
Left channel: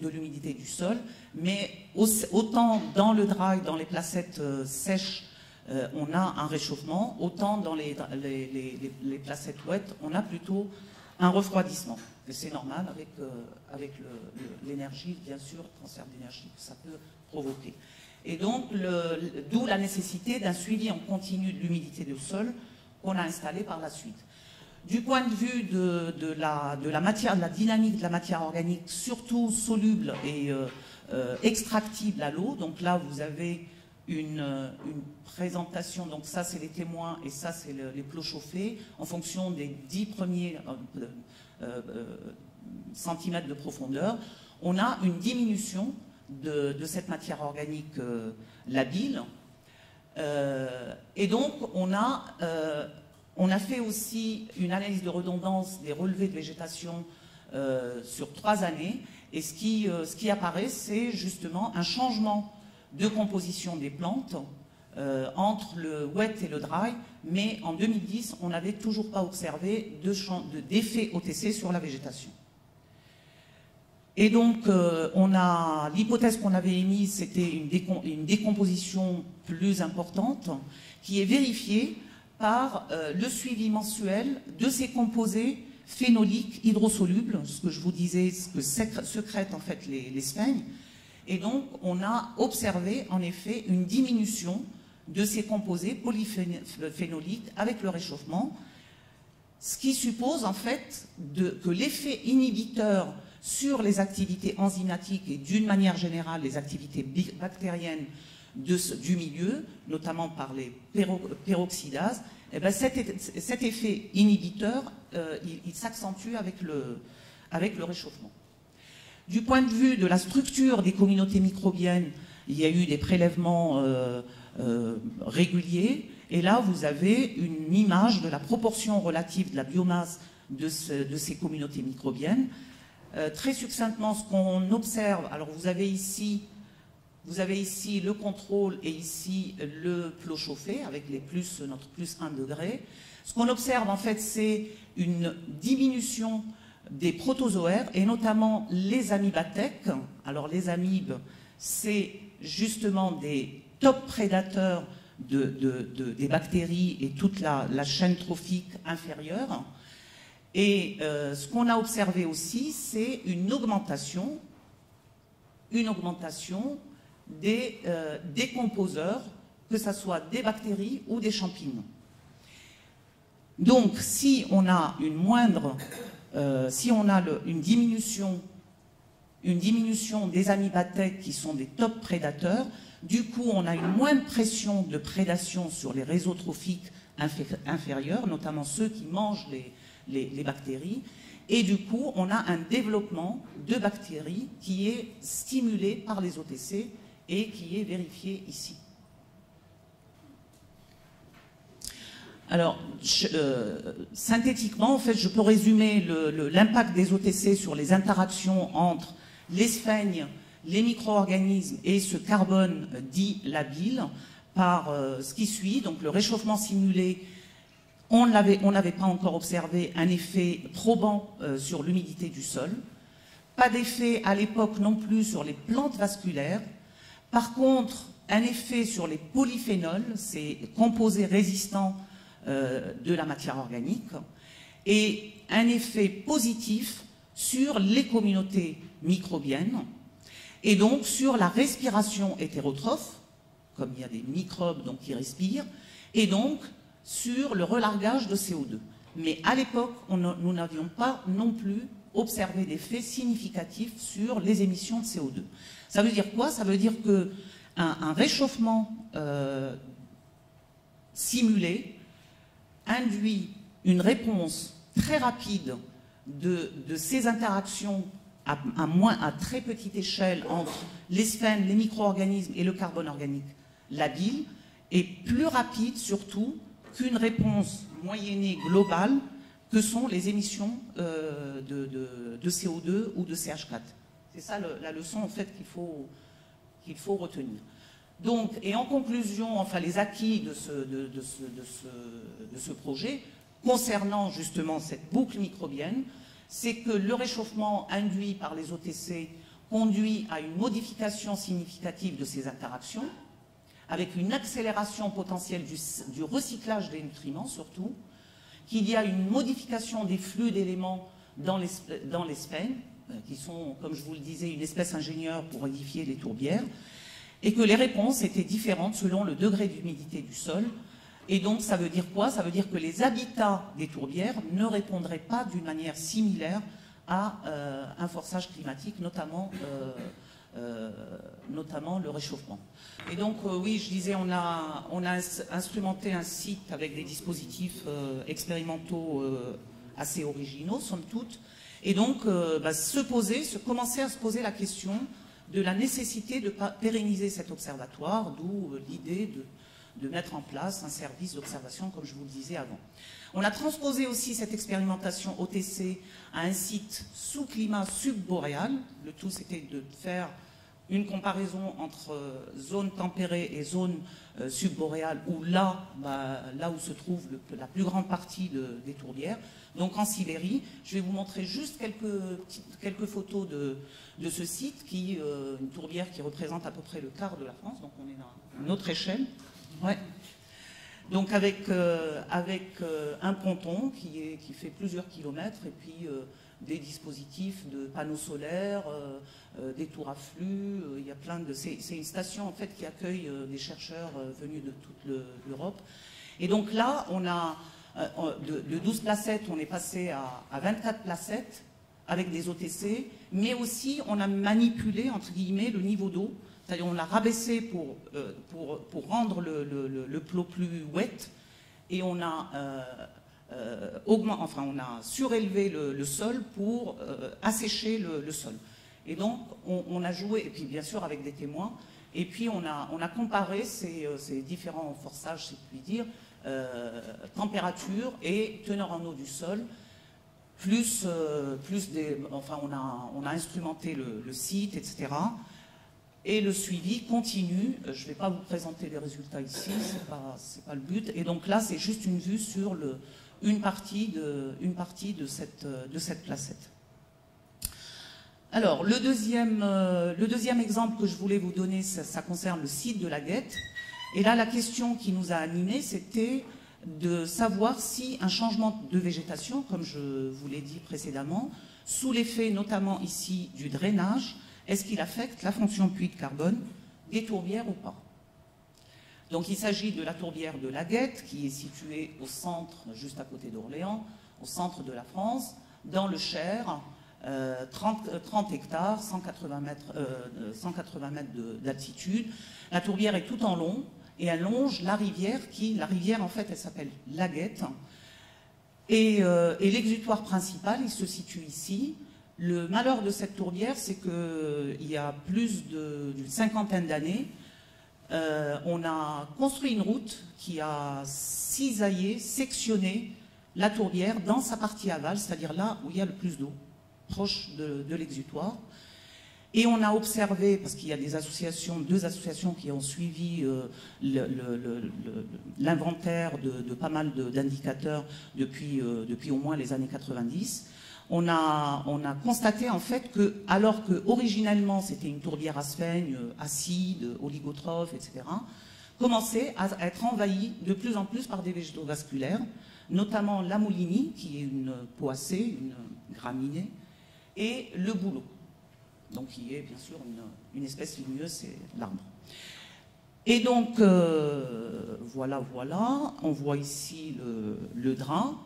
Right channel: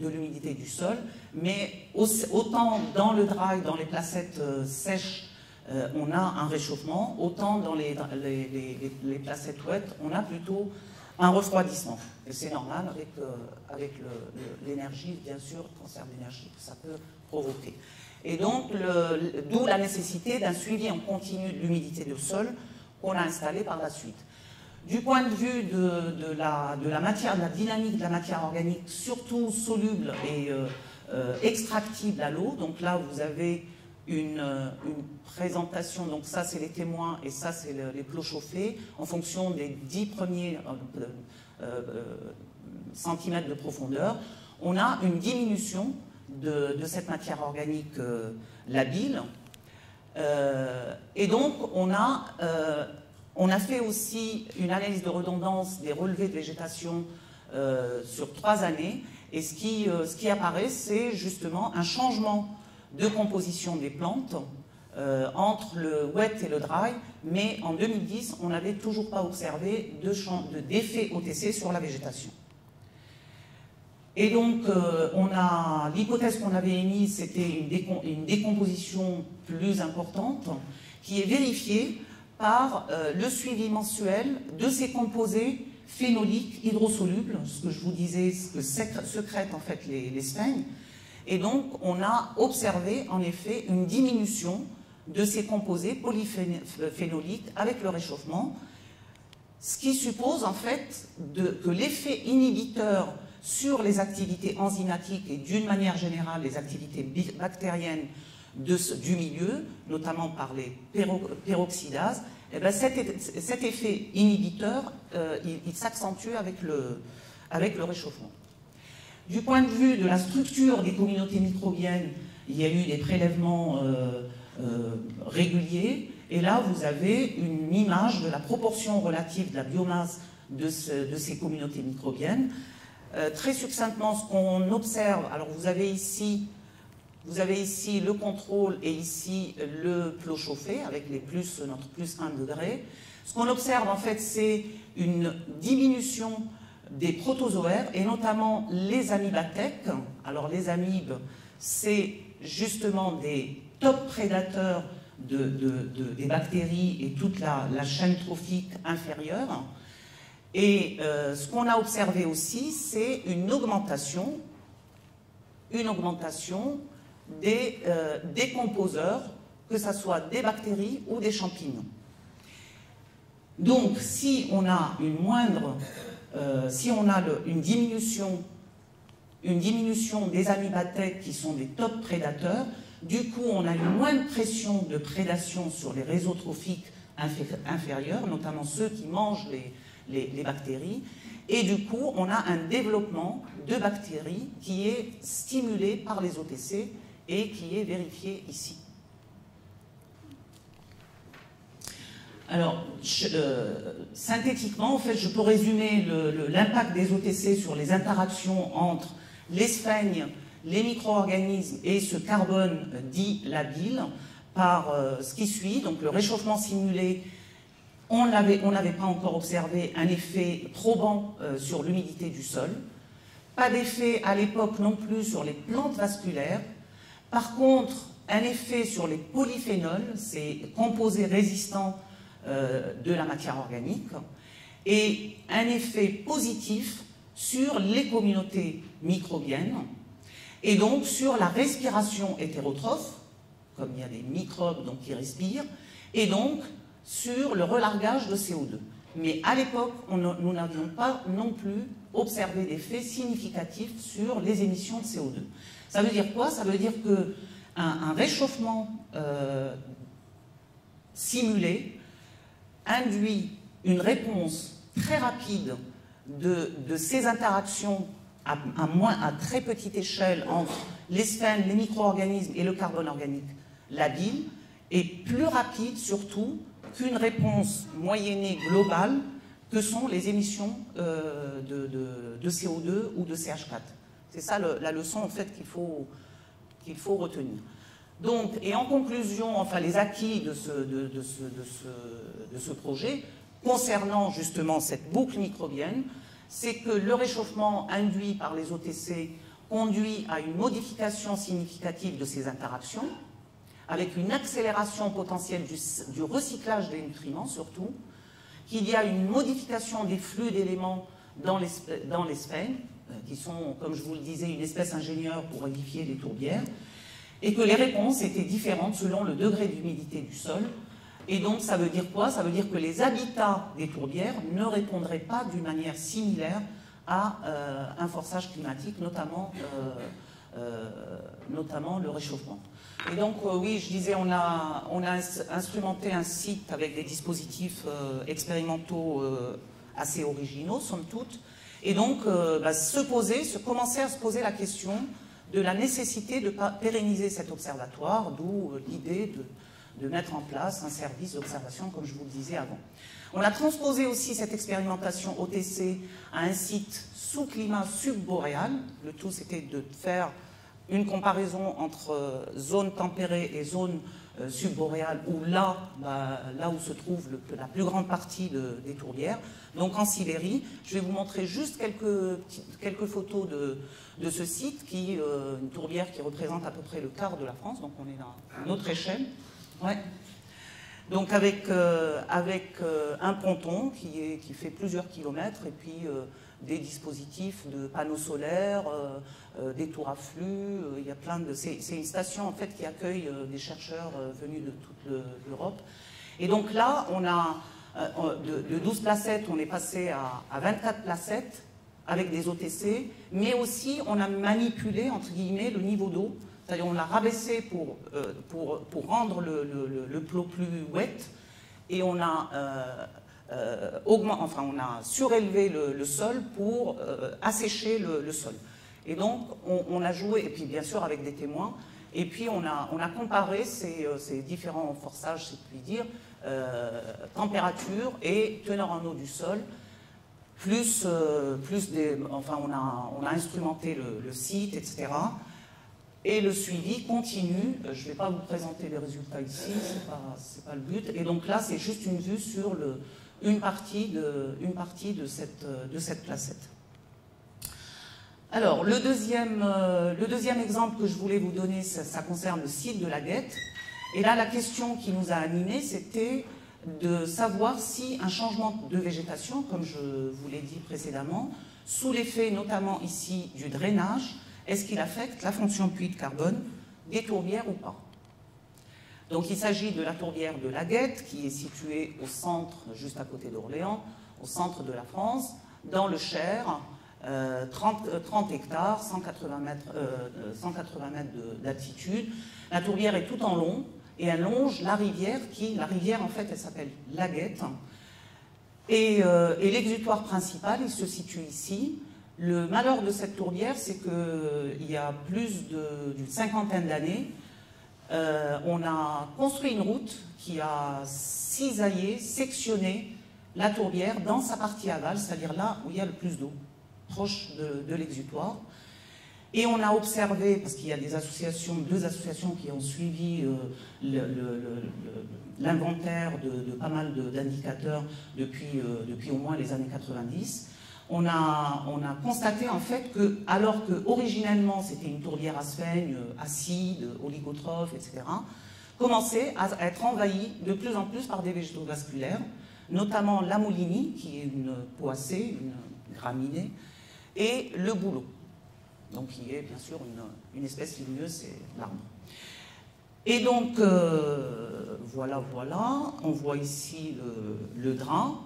l'humidité du sol, mais autant dans le dry, dans les placettes sèches, on a un réchauffement, autant dans les placettes wet, on a plutôt un refroidissement. Et c'est normal avec l'énergie, bien sûr, le transfert d'énergie que ça peut provoquer. Et donc, d'où la nécessité d'un suivi en continu de l'humidité du sol qu'on a installé par la suite. Du point de vue de la matière, de la dynamique de la matière organique, surtout soluble et extractible à l'eau, donc là vous avez une présentation, donc ça c'est les témoins et ça c'est les plots chauffés, en fonction des 10 premiers centimètres de profondeur, on a une diminution de cette matière organique labile. Et donc on a fait aussi une analyse de redondance des relevés de végétation sur 3 années, et ce qui apparaît, c'est justement un changement de composition des plantes entre le wet et le dry, mais en 2010, on n'avait toujours pas observé d'effet OTC sur la végétation. Et donc, l'hypothèse qu'on avait émise, c'était une décomposition plus importante, qui est vérifiée par le suivi mensuel de ces composés phénoliques hydrosolubles, ce que je vous disais, ce que sécrètent en fait les sphènes. Et donc, on a observé en effet une diminution de ces composés polyphénoliques avec le réchauffement, ce qui suppose en fait que l'effet inhibiteur sur les activités enzymatiques et d'une manière générale les activités bactériennes du milieu, notamment par les peroxydases, eh bien cet effet inhibiteur, il s'accentue avec le réchauffement. Du point de vue de la structure des communautés microbiennes, il y a eu des prélèvements réguliers, et là vous avez une image de la proportion relative de la biomasse de ces communautés microbiennes. Très succinctement, ce qu'on observe, alors vous avez ici le contrôle et ici le plot chauffé avec notre plus 1 degré. Ce qu'on observe en fait, c'est une diminution des protozoaires et notamment les amibatèques. Alors les amibes, c'est justement des top prédateurs des bactéries et toute la chaîne trophique inférieure. Et ce qu'on a observé aussi, c'est une augmentation des décomposeurs, que ce soit des bactéries ou des champignons. Donc, si on a une diminution des amibatèques qui sont des top prédateurs, du coup, on a une moindre pression de prédation sur les réseaux trophiques inférieurs, notamment ceux qui mangent les bactéries, et du coup, on a un développement de bactéries qui est stimulé par les OTC et qui est vérifié ici. Alors, synthétiquement, en fait, je peux résumer l'impact des OTC sur les interactions entre les sphènes, les micro-organismes et ce carbone dit labile par ce qui suit. Donc, le réchauffement simulé, on n'avait pas encore observé un effet probant sur l'humidité du sol. Pas d'effet à l'époque non plus sur les plantes vasculaires. Par contre, un effet sur les polyphénols, ces composés résistants de la matière organique, et un effet positif sur les communautés microbiennes. et donc sur la respiration hétérotrophe, comme il y a des microbes donc, qui respirent, et donc sur le relargage de CO2. Mais à l'époque, nous n'avions pas non plus observé d'effets significatifs sur les émissions de CO2. Ça veut dire quoi? Ça veut dire qu'un réchauffement simulé induit une réponse très rapide de ces interactions à très petite échelle entre les sphènes, les micro-organismes et le carbone organique labile, et plus rapide surtout qu'une réponse moyennée globale que sont les émissions de CO2 ou de CH4. C'est ça la leçon en fait qu'il faut retenir. Donc, et en conclusion, enfin les acquis de ce projet, concernant justement cette boucle microbienne, c'est que le réchauffement induit par les OTC conduit à une modification significative de ces interactions, avec une accélération potentielle du recyclage des nutriments surtout, qu'il y a une modification des flux d'éléments dans les sphènes, qui sont, comme je vous le disais, une espèce ingénieure pour édifier les tourbières, et que les réponses étaient différentes selon le degré d'humidité du sol. Et donc, ça veut dire quoi? Ça veut dire que les habitats des tourbières ne répondraient pas d'une manière similaire à un forçage climatique, notamment le réchauffement. Et donc, oui, je disais, on a instrumenté un site avec des dispositifs expérimentaux assez originaux, somme toute. Et donc, commencer à se poser la question de la nécessité de pérenniser cet observatoire, d'où l'idée de mettre en place un service d'observation, comme je vous le disais avant. On a transposé aussi cette expérimentation OTC à un site sous climat subboréal. Le tout, c'était de faire une comparaison entre zone tempérée et zone subboréale, où là où se trouve la plus grande partie des tourbières, donc en Sibérie. Je vais vous montrer juste quelques photos de ce site, une tourbière qui représente à peu près le quart de la France, donc on est dans une autre échelle. Ouais. Donc avec un ponton qui fait plusieurs kilomètres, et puis des dispositifs de panneaux solaires, des tours à flux, il y a plein de... C'est une station en fait qui accueille des chercheurs venus de toute l'Europe. Et donc là, on a de 12 placettes, on est passé à 24 placettes avec des OTC, mais aussi on a manipulé, entre guillemets, le niveau d'eau. C'est-à-dire on l'a rabaissé pour rendre le plot plus wet, et on a on a surélevé le sol pour assécher le sol. Et donc on a joué, et puis bien sûr avec des témoins, et puis on a comparé ces différents forçages, si je puis dire, température et teneur en eau du sol, on a instrumenté le site, etc. Et le suivi continue. Je ne vais pas vous présenter les résultats ici, c'est pas le but. Et donc là, c'est juste une vue sur une partie de cette placette. Alors, le deuxième exemple que je voulais vous donner, ça concerne le site de la Guette. Et là, la question qui nous a animés, c'était de savoir si un changement de végétation, comme je vous l'ai dit précédemment, sous l'effet notamment ici du drainage, est-ce qu'il affecte la fonction puits de carbone des tourbières ou pas? Donc il s'agit de la tourbière de la Guette, qui est située au centre, juste à côté d'Orléans, au centre de la France, dans le Cher, 30 hectares, 180 mètres d'altitude. La tourbière est tout en long, et elle longe la rivière en fait, elle s'appelle la Guette. Et l'exutoire principal, il se situe ici. Le malheur de cette tourbière, c'est qu'il y a plus d'une cinquantaine d'années, on a construit une route qui a cisaillé, sectionné la tourbière dans sa partie aval, c'est-à-dire là où il y a le plus d'eau, proche de l'exutoire. Et on a observé, parce qu'il y a deux associations qui ont suivi l'inventaire de pas mal d'indicateurs depuis au moins les années 90, on a constaté en fait que, alors que originellement c'était une tourbière à sphènes, acide, oligotrophe, etc., commençait à être envahie de plus en plus par des végétaux vasculaires, notamment la moulinie, qui est une poacée, une graminée, et le bouleau, donc qui est bien sûr une espèce ligneuse, c'est l'arbre. Et donc, voilà, on voit ici le drain,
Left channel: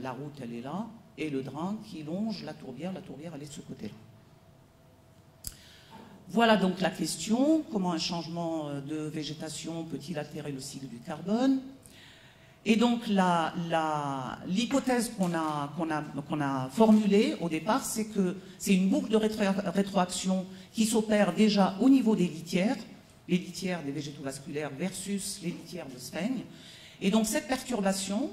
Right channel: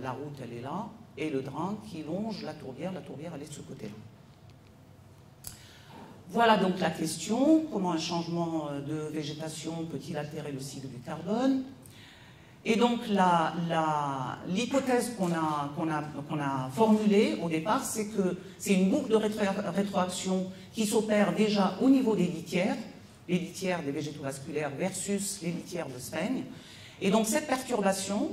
la route elle est là, et le drain qui longe la tourbière elle est de ce côté-là. Voilà donc la question, comment un changement de végétation peut-il altérer le cycle du carbone? Et donc l'hypothèse qu'on a formulée au départ, c'est que c'est une boucle de rétroaction qui s'opère déjà au niveau des litières des végétaux vasculaires versus les litières de sphaignes. Et donc cette perturbation,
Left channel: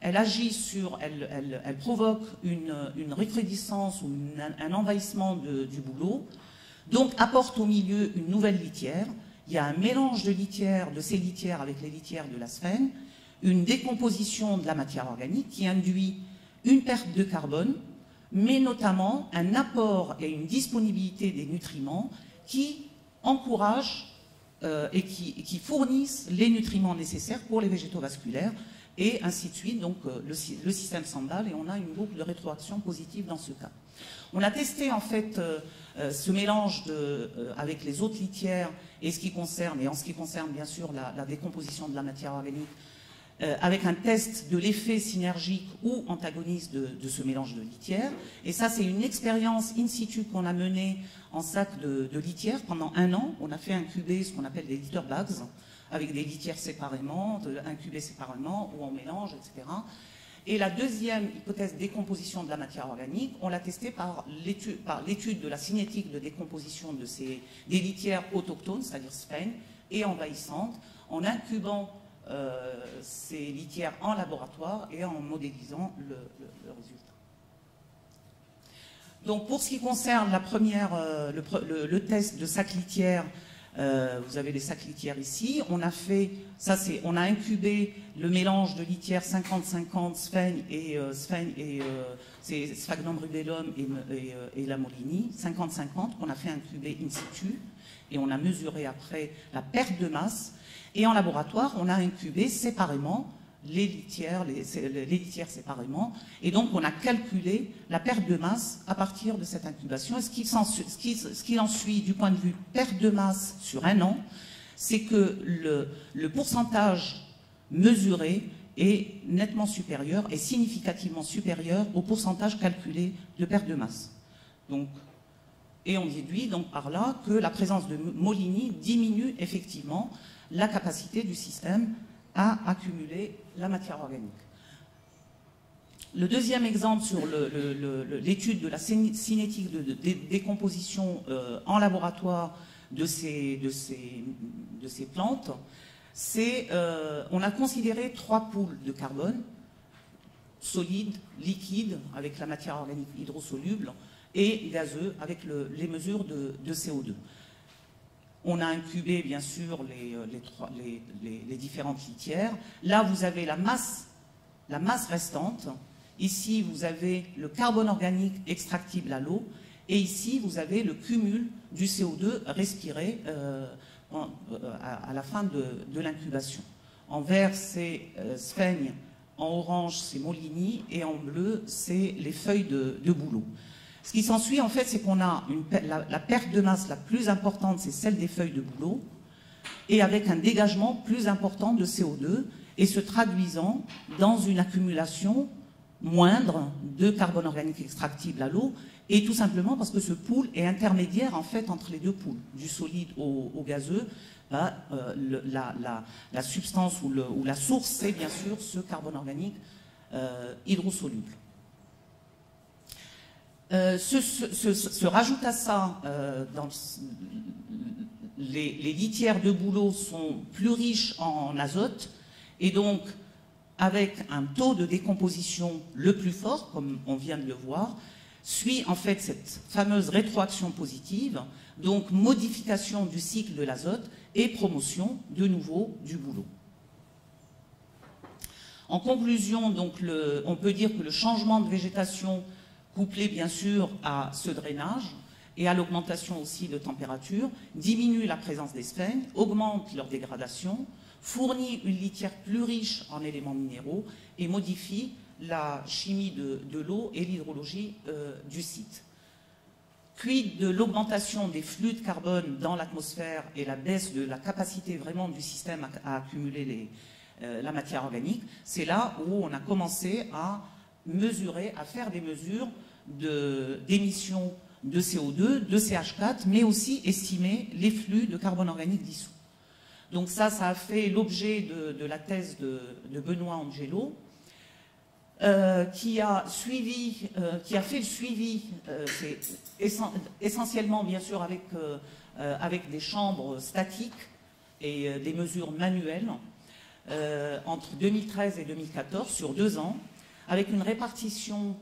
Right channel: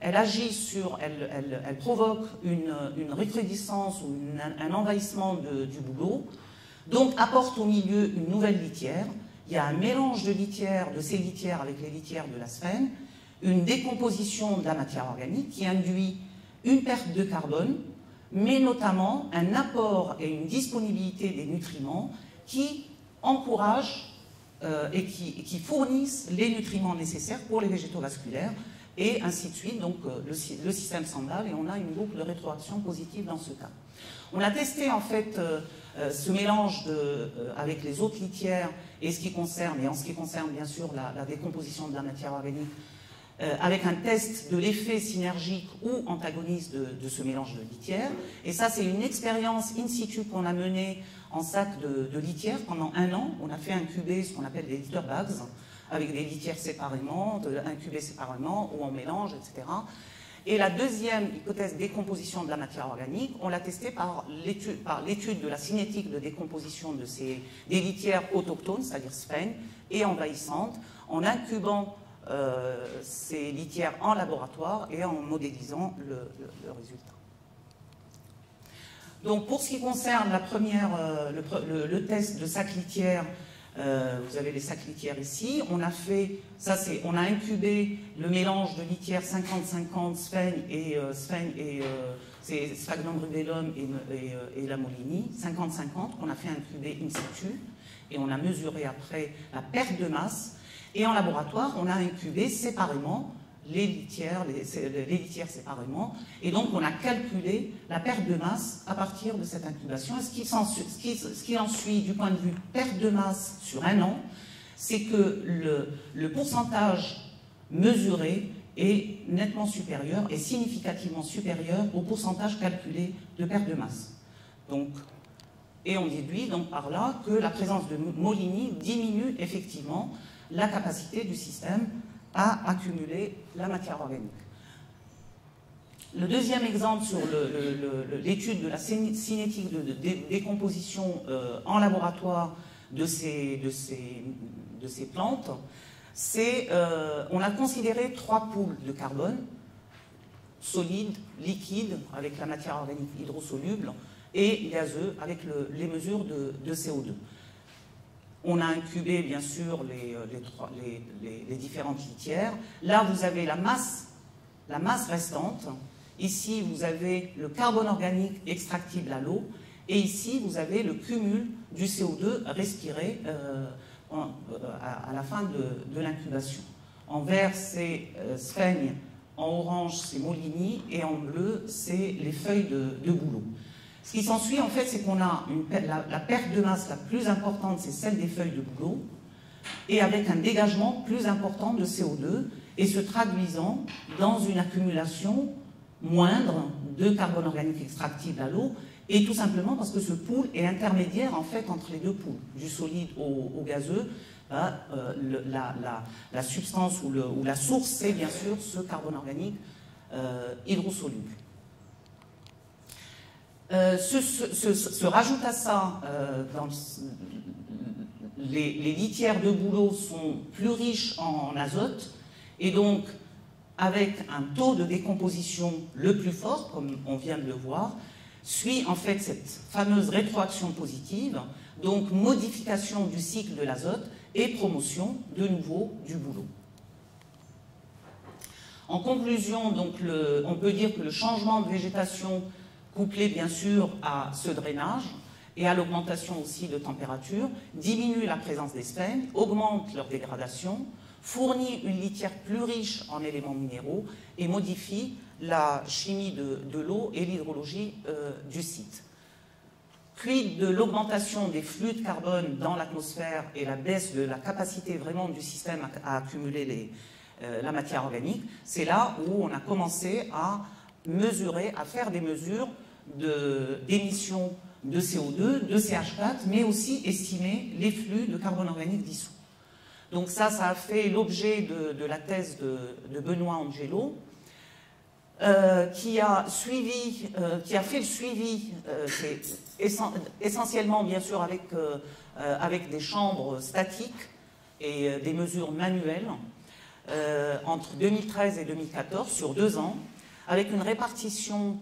elle agit elle provoque une rétrécissance ou un envahissement du bouleau, donc apporte au milieu une nouvelle litière. Il y a un mélange de litières, de ces litières avec les litières de la sphène, une décomposition de la matière organique qui induit une perte de carbone, mais notamment un apport et une disponibilité des nutriments qui encouragent et qui fournissent les nutriments nécessaires pour les végétaux vasculaires, et ainsi de suite. Donc le système s'emballe et on a une boucle de rétroaction positive dans ce cas. On a testé en fait ce mélange avec les autres litières et en ce qui concerne bien sûr la décomposition de la matière organique, avec un test de l'effet synergique ou antagoniste de ce mélange de litières. Et ça, c'est une expérience in situ qu'on a menée en sac de litières pendant 1 an. On a fait incuber ce qu'on appelle des litter bags, avec des litières séparément, incubées séparément ou en mélange, etc. Et la deuxième hypothèse de décomposition de la matière organique, on l'a testée par l'étude de la cinétique de décomposition des litières autochtones, c'est-à-dire sphaignes, et envahissantes, en incubant ces litières en laboratoire et en modélisant le résultat. Donc pour ce qui concerne la première, le test de sac litière, vous avez les sacs litières ici. On a fait, on a incubé le mélange de litières 50-50 sphaignes et c'est Sphagnum rubellum et la Molini, 50-50, qu'on a fait incuber in situ, et on a mesuré après la perte de masse. Et en laboratoire, on a incubé séparément les litières séparément, et donc on a calculé la perte de masse à partir de cette incubation. Et ce qui en suit du point de vue perte de masse sur 1 an, c'est que le pourcentage mesuré est nettement supérieur et significativement supérieur au pourcentage calculé de perte de masse. Donc, et on déduit donc par là que la présence de Molini diminue effectivement la capacité du système à accumuler la matière organique. Le deuxième exemple sur l'étude de la cinétique de décomposition en laboratoire de ces plantes, c'est on a considéré 3 poules de carbone, solide, liquide, avec la matière organique hydrosoluble, et gazeux, avec les mesures de CO2. On a incubé, bien sûr, les différentes litières. Là, vous avez la masse restante. Ici, vous avez le carbone organique extractible à l'eau. Et ici, vous avez le cumul du CO2 respiré à la fin de l'incubation. En vert, c'est sphaigne. En orange, c'est Molini. Et en bleu, c'est les feuilles de bouleau. Ce qui s'ensuit, en fait, c'est qu'on a la perte de masse la plus importante, c'est celle des feuilles de bouleau, et avec un dégagement plus important de CO2, et se traduisant dans une accumulation moindre de carbone organique extractible à l'eau, et tout simplement parce que ce pool est intermédiaire, en fait, entre les deux pools, du solide au gazeux. La substance ou la source, c'est bien sûr ce carbone organique hydrosoluble. Se rajoute à ça, les litières de bouleau sont plus riches en azote, et donc avec un taux de décomposition le plus fort, comme on vient de le voir, suit en fait cette fameuse rétroaction positive, donc modification du cycle de l'azote et promotion de nouveau du bouleau. En conclusion, donc, on peut dire que le changement de végétation, couplé bien sûr à ce drainage et à l'augmentation aussi de température, diminue la présence des sphaignes, augmente leur dégradation, fournit une litière plus riche en éléments minéraux et modifie la chimie de l'eau et l'hydrologie du site. Quid de l'augmentation des flux de carbone dans l'atmosphère et la baisse de la capacité vraiment du système à accumuler la matière organique? C'est là où on a commencé à mesurer, à faire des mesures d'émissions de CO2, de CH4, mais aussi estimer les flux de carbone organique dissous. Donc ça a fait l'objet de la thèse de Benoît Angelo, qui a fait le suivi, essentiellement bien sûr avec des chambres statiques et des mesures manuelles, entre 2013 et 2014, sur 2 ans, avec une répartition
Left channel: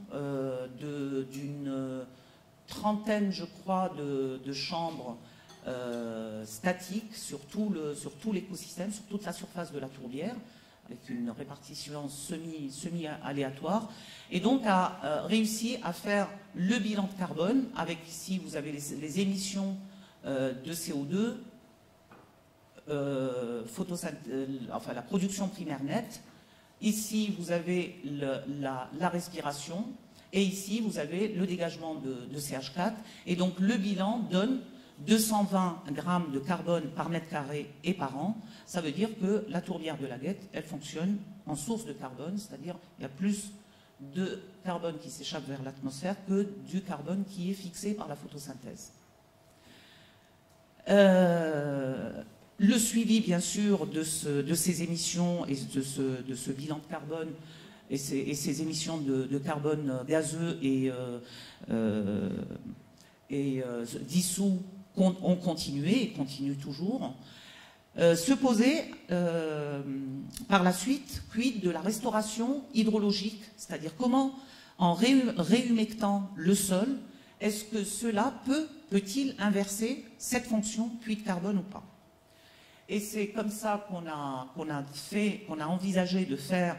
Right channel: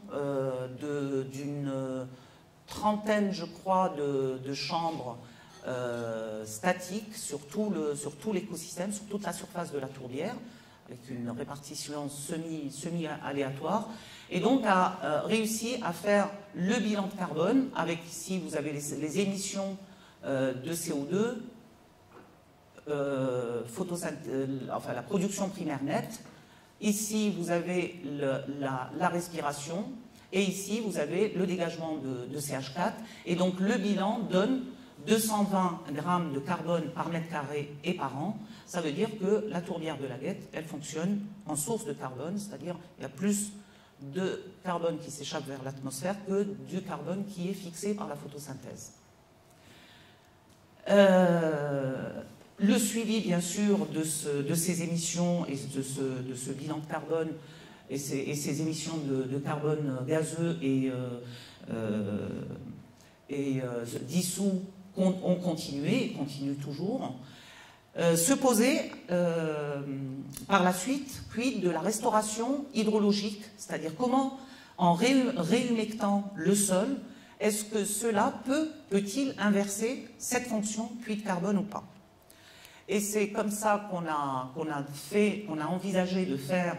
d'une trentaine, je crois, de chambres statiques sur tout l'écosystème, sur toute la surface de la tourbière, avec une répartition semi-aléatoire, et donc a réussi à faire le bilan de carbone, avec ici vous avez les émissions de CO2, enfin la production primaire nette, ici vous avez la respiration, et ici vous avez le dégagement de CH4, et donc le bilan donne 220 grammes de carbone par mètre carré et par an. Ça veut dire que la tourbière de la Guette, elle fonctionne en source de carbone, c'est-à-dire qu'il y a plus de carbone qui s'échappe vers l'atmosphère que du carbone qui est fixé par la photosynthèse. Le suivi, bien sûr, de ces émissions et de ce bilan de carbone et ces émissions de carbone gazeux et dissous ont continué et continuent toujours. Se poser par la suite, quid de la restauration hydrologique, c'est-à-dire comment, en réhumectant le sol, est-ce que cela peut-il inverser cette fonction puits de carbone ou pas? Et c'est comme ça qu'on a envisagé de faire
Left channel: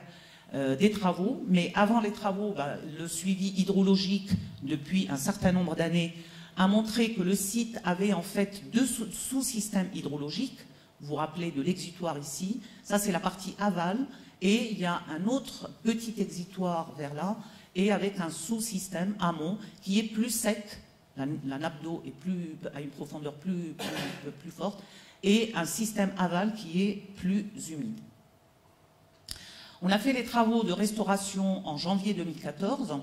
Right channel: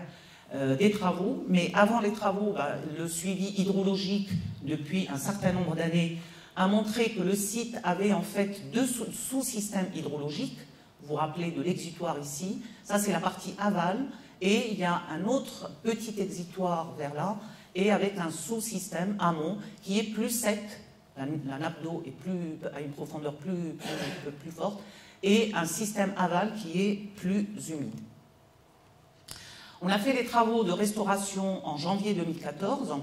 des travaux, mais avant les travaux, le suivi hydrologique depuis un certain nombre d'années a montré que le site avait en fait 2 sous-systèmes hydrologiques. Vous vous rappelez de l'exutoire ici, ça c'est la partie aval, et il y a un autre petit exutoire vers là, et avec un sous-système amont qui est plus sec, la nappe d'eau a une profondeur plus forte, et un système aval qui est plus humide. On a fait les travaux de restauration en janvier 2014,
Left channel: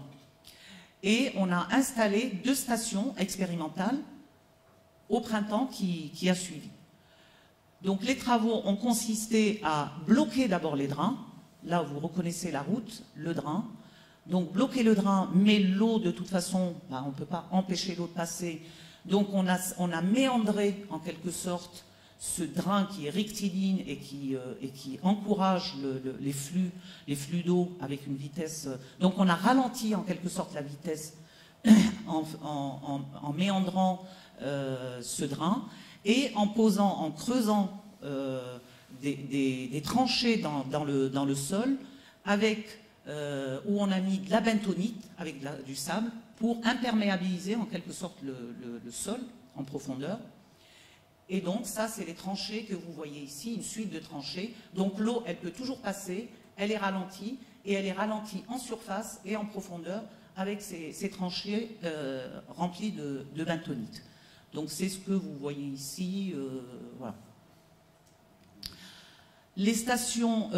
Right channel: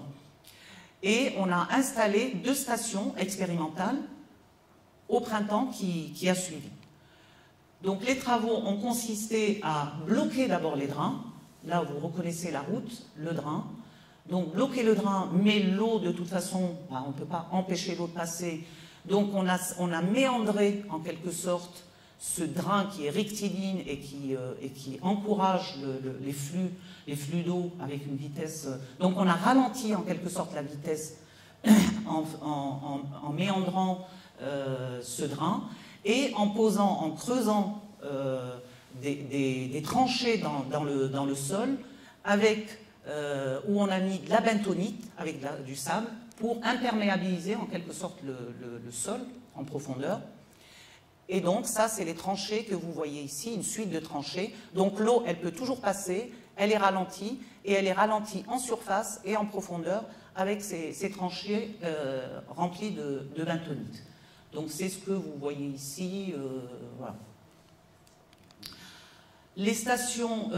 et on a installé 2 stations expérimentales au printemps qui a suivi. Donc les travaux ont consisté à bloquer d'abord les drains. Là où vous reconnaissez la route, le drain. Donc bloquer le drain, mais l'eau de toute façon, on ne peut pas empêcher l'eau de passer. Donc on a méandré en quelque sorte ce drain qui est rectiligne et qui encourage les flux d'eau avec une vitesse. Donc on a ralenti en quelque sorte la vitesse en méandrant ce drain. Et en creusant des tranchées dans le sol, où on a mis de la bentonite avec du sable pour imperméabiliser en quelque sorte le sol en profondeur. Et donc ça, c'est les tranchées que vous voyez ici, une suite de tranchées. Donc l'eau, elle peut toujours passer, elle est ralentie, et elle est ralentie en surface et en profondeur avec ces tranchées remplies de bentonite. Donc c'est ce que vous voyez ici, voilà. Les stations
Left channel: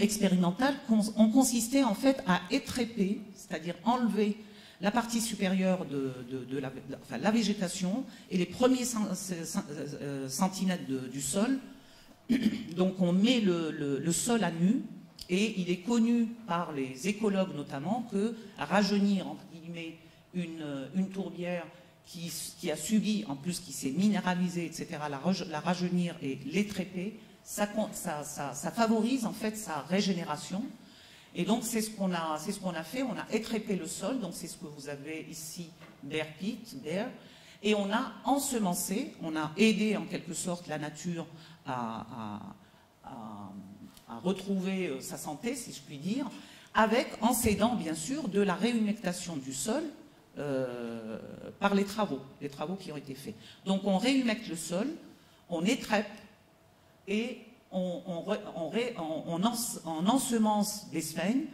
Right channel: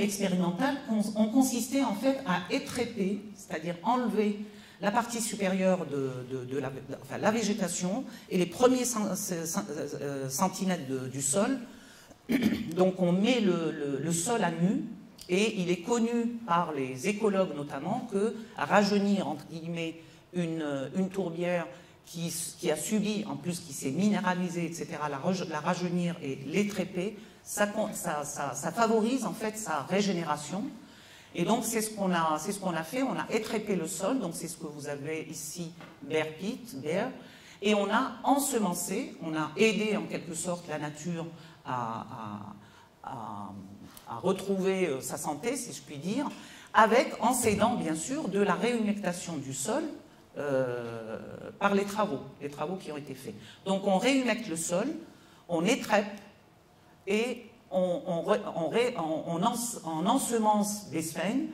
expérimentales ont consisté en fait à étrépper, c'est-à-dire enlever la partie supérieure de la végétation et les premiers centimètres du sol. Donc on met le sol à nu, et il est connu par les écologues notamment que à rajeunir entre guillemets une tourbière qui a subi, en plus qui s'est minéralisée, etc., la rajeunir et l'étrépper, ça favorise en fait sa régénération. Et donc c'est ce qu'on a fait, on a étrépé le sol, donc c'est ce que vous avez ici, bare pit, bare, et on a ensemencé, on a aidé en quelque sorte la nature à retrouver sa santé, si je puis dire, en s'aidant bien sûr de la réhumectation du sol, par les travaux qui ont été faits. Donc on réhumecte le sol, on étrèpe et on ensemence des sphènes.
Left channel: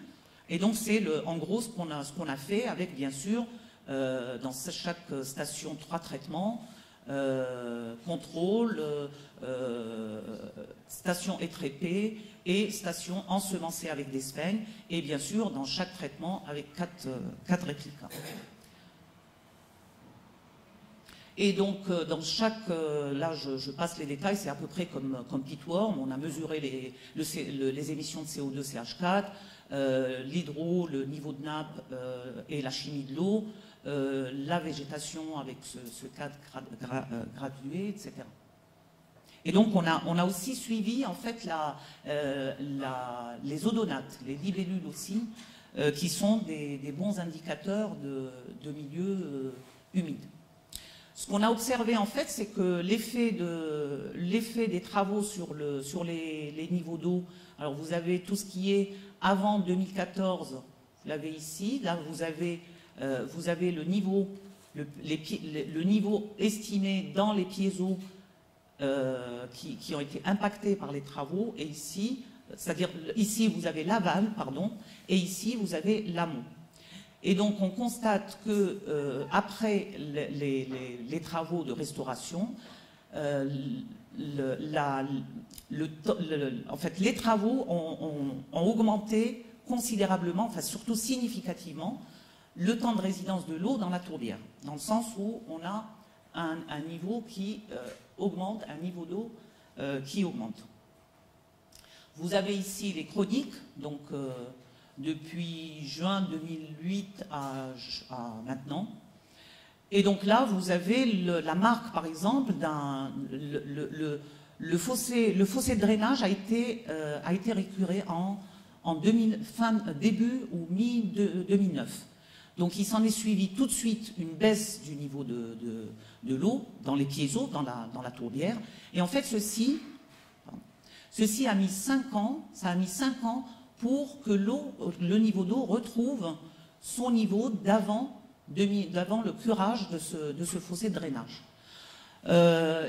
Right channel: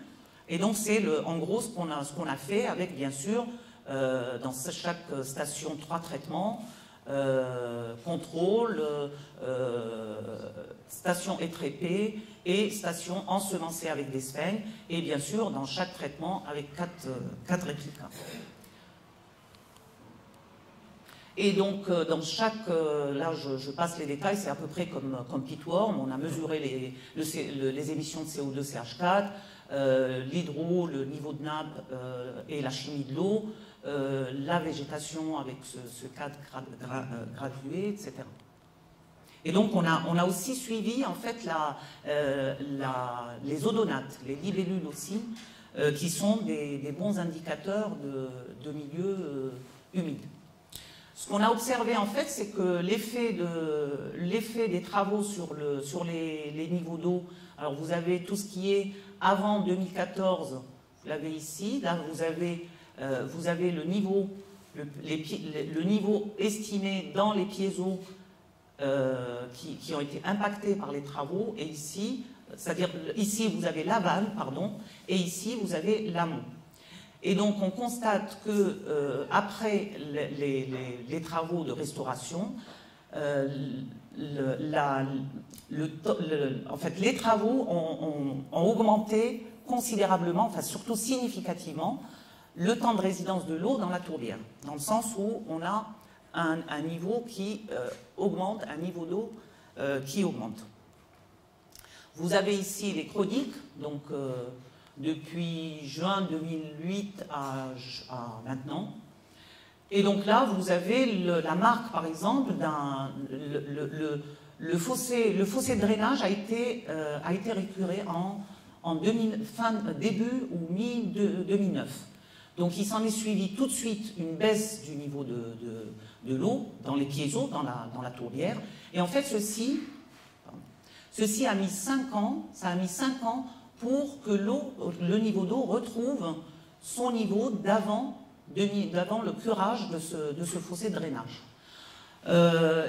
Et donc c'est en gros ce qu'on a fait avec bien sûr dans chaque station 3 traitements, contrôle, station étrépée et station ensemencée avec des sphaignes, et bien sûr dans chaque traitement avec 4 réplicas. Et donc, dans chaque... là, je passe les détails, c'est à peu près comme Pitworm. On a mesuré les émissions de CO2 CH4, l'hydro, le niveau de nappe et la chimie de l'eau, la végétation avec ce cadre gradué, etc. Et donc, on a aussi suivi, en fait, les odonates, les libellules aussi, qui sont des bons indicateurs de milieux humides. Ce qu'on a observé en fait, c'est que l'effet des travaux sur les niveaux d'eau, alors vous avez tout ce qui est avant 2014, vous l'avez ici, là vous avez le niveau estimé dans les piézos qui ont été impactés par les travaux, et ici, c'est-à-dire ici vous avez l'aval, pardon, et ici vous avez l'amont. Et donc on constate que après les travaux de restauration, en fait, les travaux ont augmenté considérablement, enfin surtout significativement, le temps de résidence de l'eau dans la tourbière, dans le sens où on a un niveau qui augmente, un niveau d'eau qui augmente. Vous avez ici les chroniques, donc depuis juin 2008 à maintenant. Et donc là, vous avez la marque, par exemple, le fossé de drainage a été récuré début ou mi-2009. Donc il s'en est suivi tout de suite une baisse du niveau de l'eau dans les piézos, dans la tourbière. Et en fait, ceci a mis 5 ans, ça a mis 5 ans pour que le niveau d'eau retrouve son niveau d'avant le curage de ce fossé de drainage.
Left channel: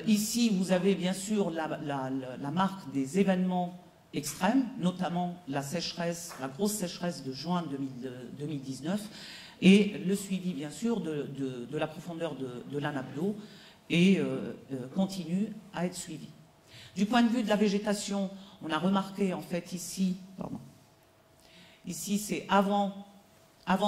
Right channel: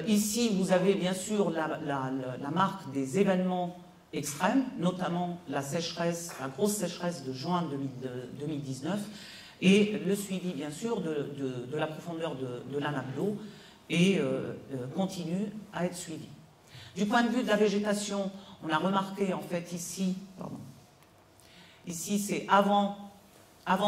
Ici, vous avez bien sûr la marque des événements extrêmes, notamment la grosse sécheresse de juin 2019, et le suivi bien sûr de la profondeur de la nappe d'eau, et continue à être suivi. Du point de vue de la végétation, on a remarqué en fait ici, c'est avant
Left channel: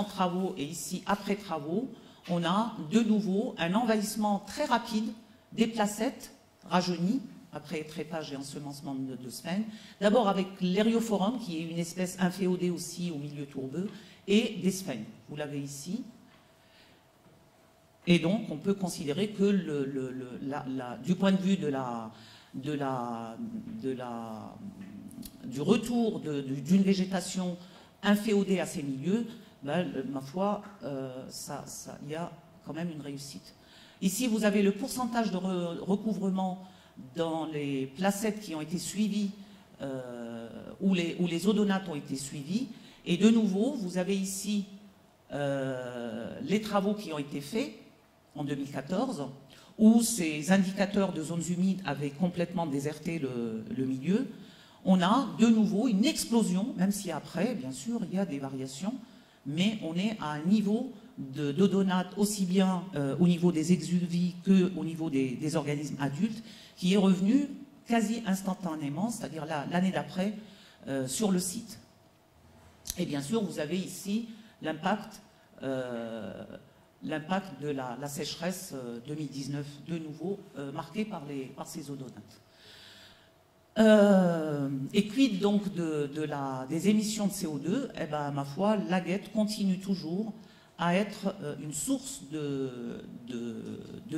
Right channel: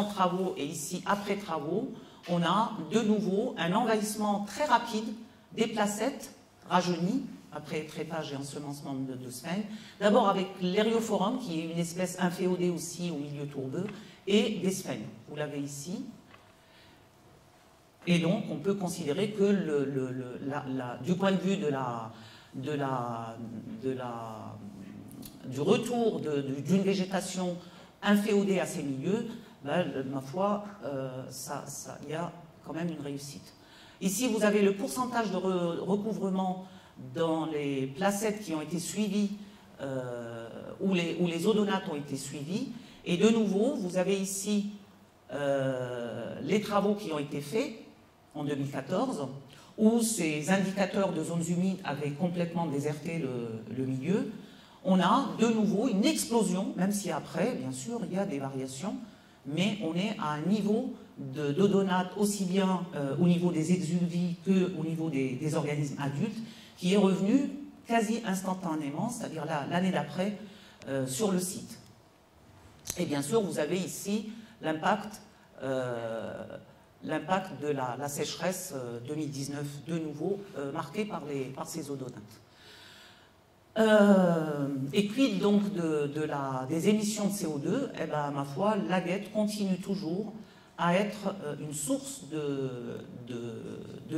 travaux et ici après travaux, on a de nouveau un envahissement très rapide des placettes rajeunies après trépage et ensemencement de sphaignes. D'abord avec l'Hérioforum, qui est une espèce inféodée aussi au milieu tourbeux, et des sphaignes. Vous l'avez ici. Et donc on peut considérer que du point de vue du retour d'une végétation inféodée à ces milieux, ben, ma foi, il y a quand même une réussite. Ici, vous avez le pourcentage de recouvrement dans les placettes qui ont été suivies, où les odonates ont été suivis. Et de nouveau, vous avez ici les travaux qui ont été faits en 2014, où ces indicateurs de zones humides avaient complètement déserté le milieu. On a de nouveau une explosion, même si après, bien sûr, il y a des variations, mais on est à un niveau d'odonate aussi bien au niveau des exuvies qu'au niveau des organismes adultes, qui est revenu quasi instantanément, c'est-à-dire l'année d'après, sur le site. Et bien sûr, vous avez ici l'impact de la sécheresse 2019, de nouveau marquée par ces odonates. Et quid donc des émissions de CO2? Eh ben, ma foi, la guette continue toujours à être une source de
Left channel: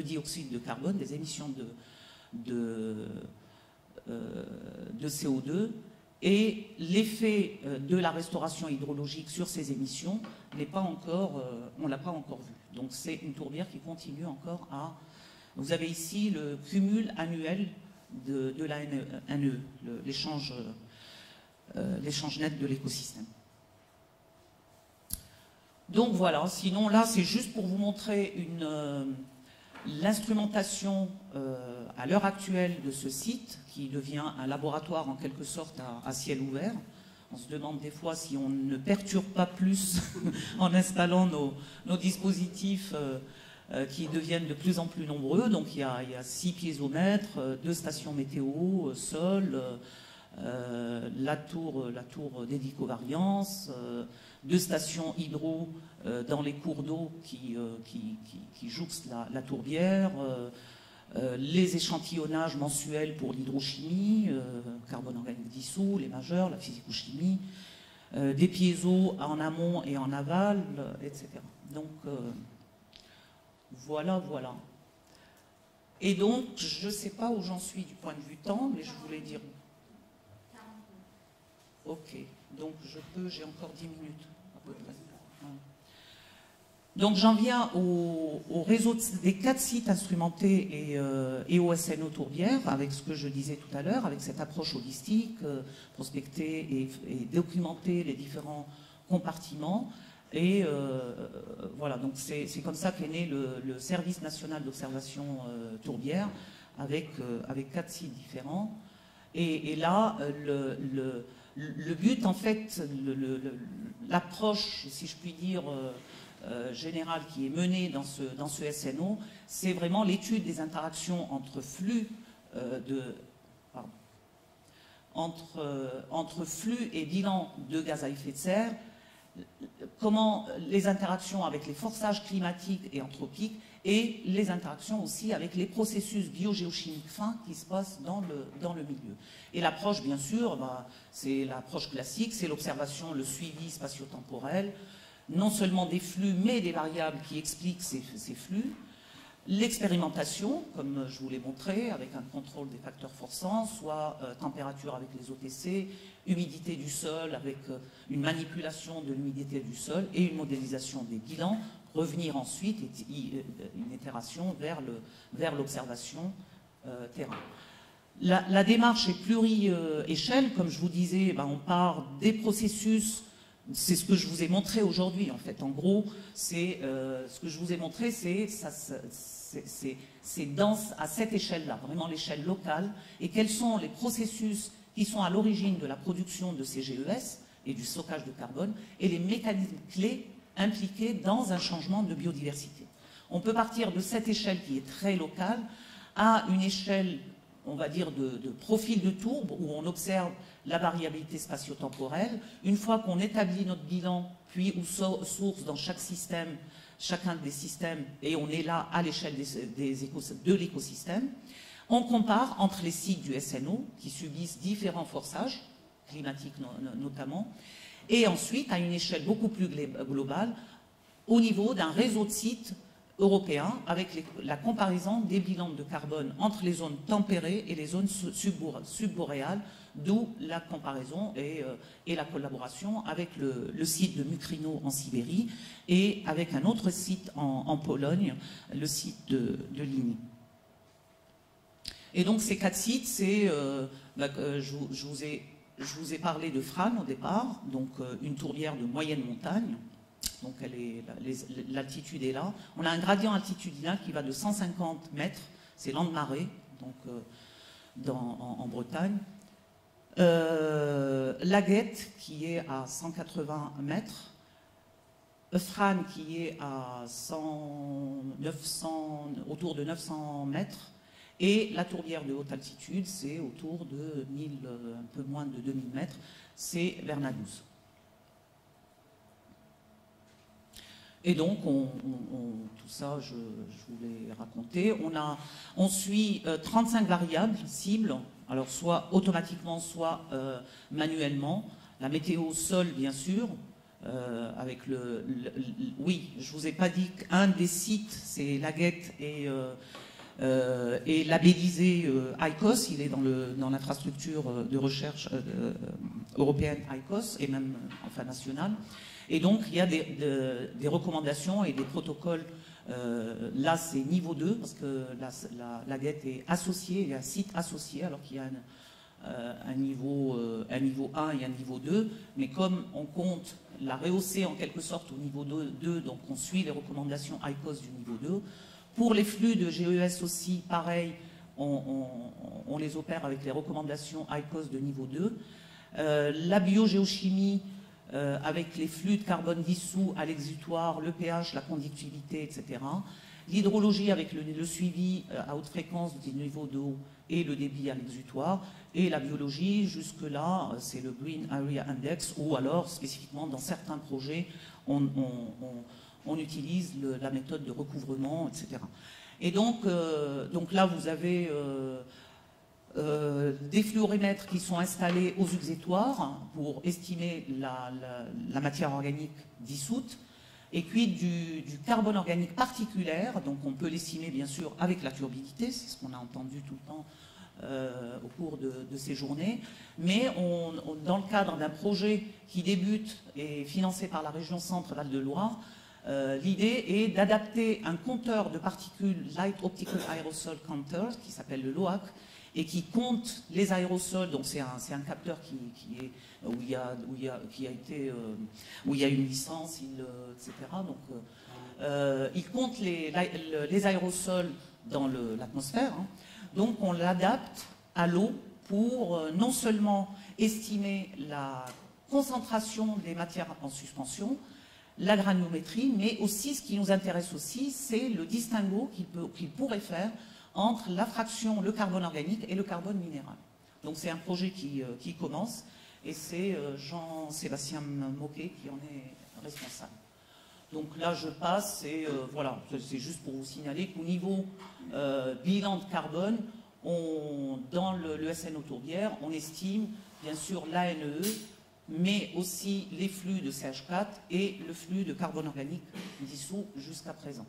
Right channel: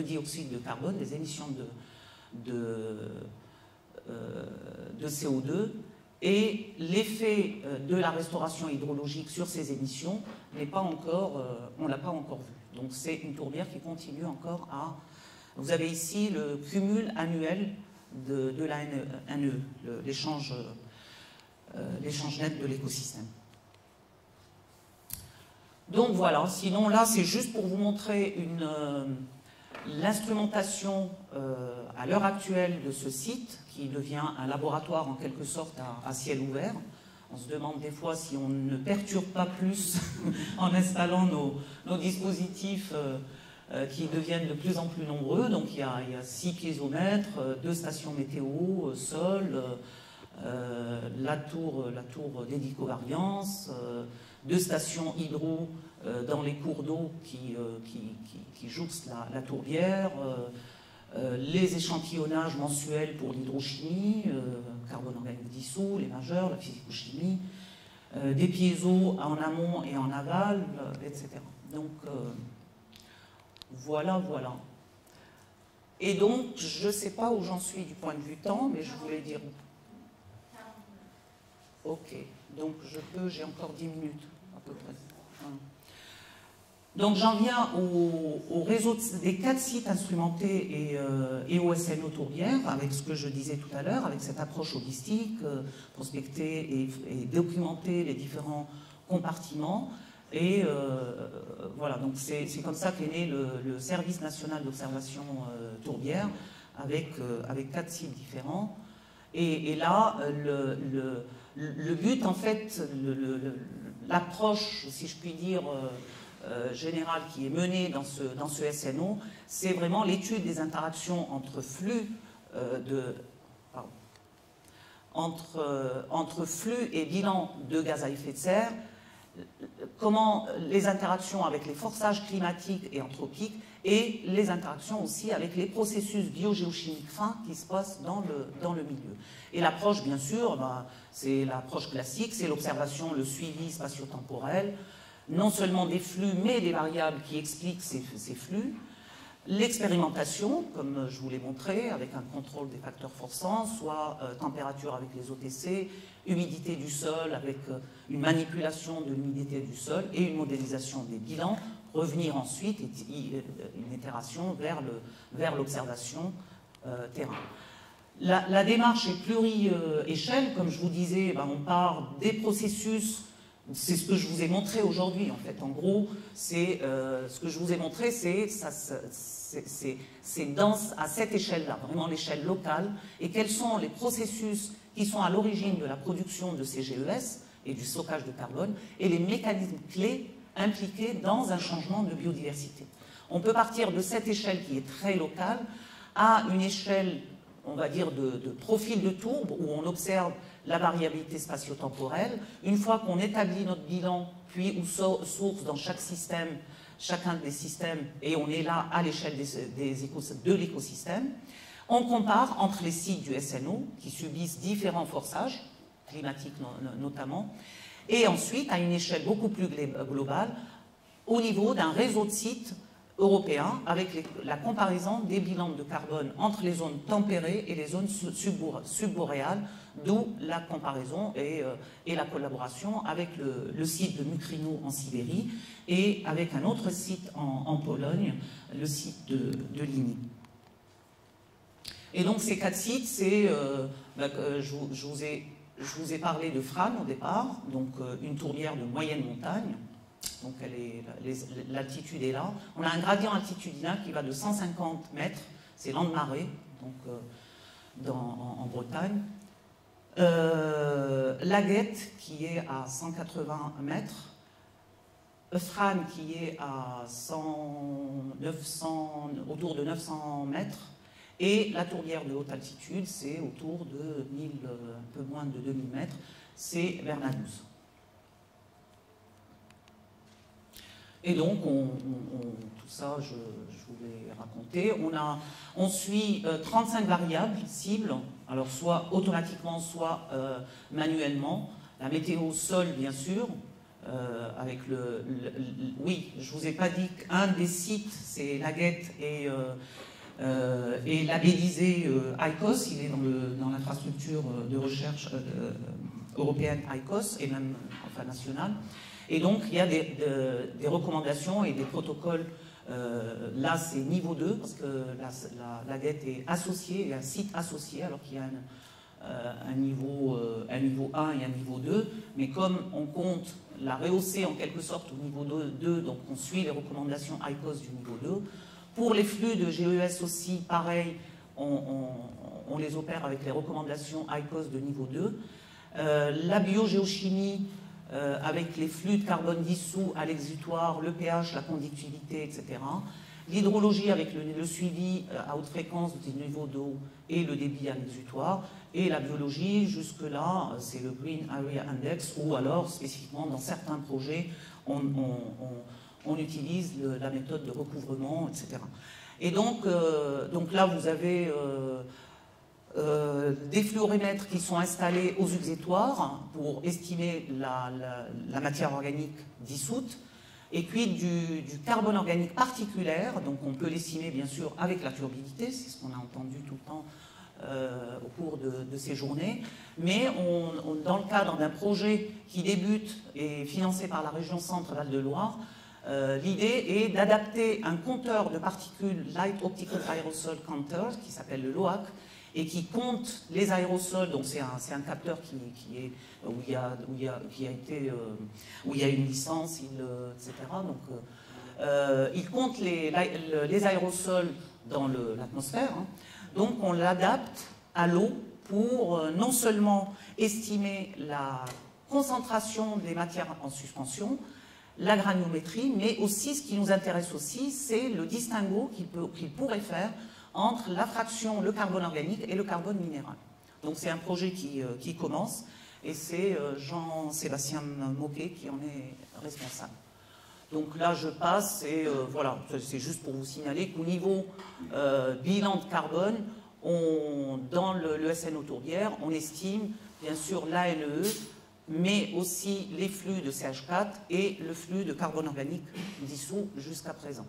dioxyde de carbone, des émissions de CO2, et l'effet de la restauration hydrologique sur ces émissions on ne l'a pas encore vu. Donc c'est une tourbière qui continue encore à... Vous avez ici le cumul annuel de la NE, l'échange net de l'écosystème. Donc voilà, sinon là c'est juste pour vous montrer l'instrumentation à l'heure actuelle de ce site, qui devient un laboratoire en quelque sorte à ciel ouvert. On se demande des fois si on ne perturbe pas plus en installant nos dispositifs qui deviennent de plus en plus nombreux. Donc il y a 6 piézomètres, 2 stations météo, sol, la tour d'édicovariance, 2 stations hydro dans les cours d'eau qui jouxtent la tourbière, les échantillonnages mensuels pour l'hydrochimie, carbone organique dissous, les majeurs, la physico-chimie, des piézos en amont et en aval, etc. Donc voilà. Et donc, je ne sais pas où j'en suis du point de vue temps, mais je voulais dire... Ok, donc j'ai encore 10 minutes à peu près. Donc j'en viens au réseau des 4 sites instrumentés et au SNO Tourbière, avec ce que je disais tout à l'heure, avec cette approche holistique, prospecter et documenter les différents compartiments. Et voilà, donc c'est comme ça qu'est né le Service national d'observation Tourbière, avec 4 sites différents. Et là, le but, en fait, l'approche, si je puis dire, générale qui est menée dans ce SNO, c'est vraiment l'étude des interactions entre flux entre flux et bilan de gaz à effet de serre, comment les interactions avec les forçages climatiques et anthropiques et les interactions aussi avec les processus biogéochimiques fins qui se passent dans le milieu. Et l'approche, bien sûr, c'est l'approche classique, c'est l'observation, le suivi spatio-temporel, non seulement des flux, mais des variables qui expliquent ces flux, l'expérimentation, comme je vous l'ai montré, avec un contrôle des facteurs forçants, soit température avec les OTC, humidité du sol avec une manipulation de l'humidité du sol et une modélisation des bilans, revenir ensuite, une itération vers l'observation terrain. La démarche est pluri-échelle, comme je vous disais, on part des processus, c'est ce que je vous ai montré aujourd'hui en fait. En gros, c'est ce que je vous ai montré, c'est à cette échelle-là, vraiment l'échelle locale, et quels sont les processus qui sont à l'origine de la production de ces GES et du stockage de carbone, et les mécanismes clés impliqués dans un changement de biodiversité. On peut partir de cette échelle qui est très locale à une échelle, on va dire, de profil de tourbe, où on observe la variabilité spatio-temporelle. Une fois qu'on établit notre bilan, puis ou source dans chacun des systèmes, et on est là à l'échelle de l'écosystème, on compare entre les sites du SNO, qui subissent différents forçages, climatiques notamment, et ensuite à une échelle beaucoup plus globale, au niveau d'un réseau de sites européens, avec la comparaison des bilans de carbone entre les zones tempérées et les zones subboréales, d'où la comparaison et la collaboration avec le site de Mukrino en Sibérie et avec un autre site en Pologne, le site de Ligny. Et donc ces 4 sites, je vous ai parlé de Fran au départ, donc une tourbière de moyenne montagne, donc l'altitude est là. On a un gradient altitudinal qui va de 150 mètres, c'est Landmaré, donc en Bretagne. Laguette qui est à 180 mètres, Fran qui est à autour de 900 mètres, et la tourbière de haute altitude, c'est autour de un peu moins de 2000 mètres, c'est Vernadouz. Et donc, tout ça, je vous l'ai raconté. On suit 35 variables cibles, alors soit automatiquement, soit manuellement. La météo sol, bien sûr, avec oui, je ne vous ai pas dit qu'un des sites, c'est Laguette et labellisé ICOS, il est dans l'infrastructure de recherche européenne ICOS, et même nationale. Et donc, il y a des recommandations et des protocoles. Là, c'est niveau 2, parce que la dette est associée, il y a un site associé, alors qu'il y a un niveau 1 et un niveau 2. Mais comme on compte la rehausser en quelque sorte au niveau 2, donc on suit les recommandations ICOS du niveau 2. Pour les flux de GES aussi, pareil, on les opère avec les recommandations ICOS de niveau 2. la biogéochimie avec les flux de carbone dissous à l'exutoire, le pH, la conductivité, etc. L'hydrologie avec le suivi à haute fréquence du niveau d'eau et le débit à l'exutoire. Et la biologie, jusque-là, c'est le Green Area Index, ou alors, spécifiquement, dans certains projets, on utilise la méthode de recouvrement, etc. Et donc là, vous avez des fluorimètres qui sont installés aux exutoires pour estimer la matière organique dissoute, et puis du carbone organique particulier, donc on peut l'estimer bien sûr avec la turbidité, c'est ce qu'on a entendu tout le temps au cours de ces journées, mais dans le cadre d'un projet qui débute et financé par la région Centre-Val de Loire, l'idée est d'adapter un compteur de particules Light Optical Aerosol Counter, qui s'appelle le LOAC, et qui compte les aérosols. Donc c'est un capteur où il y a une licence, etc. Donc il compte les aérosols dans l'atmosphère. Hein. Donc on l'adapte à l'eau pour non seulement estimer la concentration des matières en suspension, la granulométrie, mais aussi ce qui nous intéresse aussi, c'est le distinguo qu'il pourrait faire entre la fraction, le carbone organique et le carbone minéral. Donc c'est un projet qui commence, et c'est Jean-Sébastien Moquet qui en est responsable. Donc là je passe, et voilà, c'est juste pour vous signaler qu'au niveau bilan de carbone, dans le SNO Tourbière, on estime bien sûr l'ANE, mais aussi les flux de CH4 et le flux de carbone organique dissous jusqu'à présent.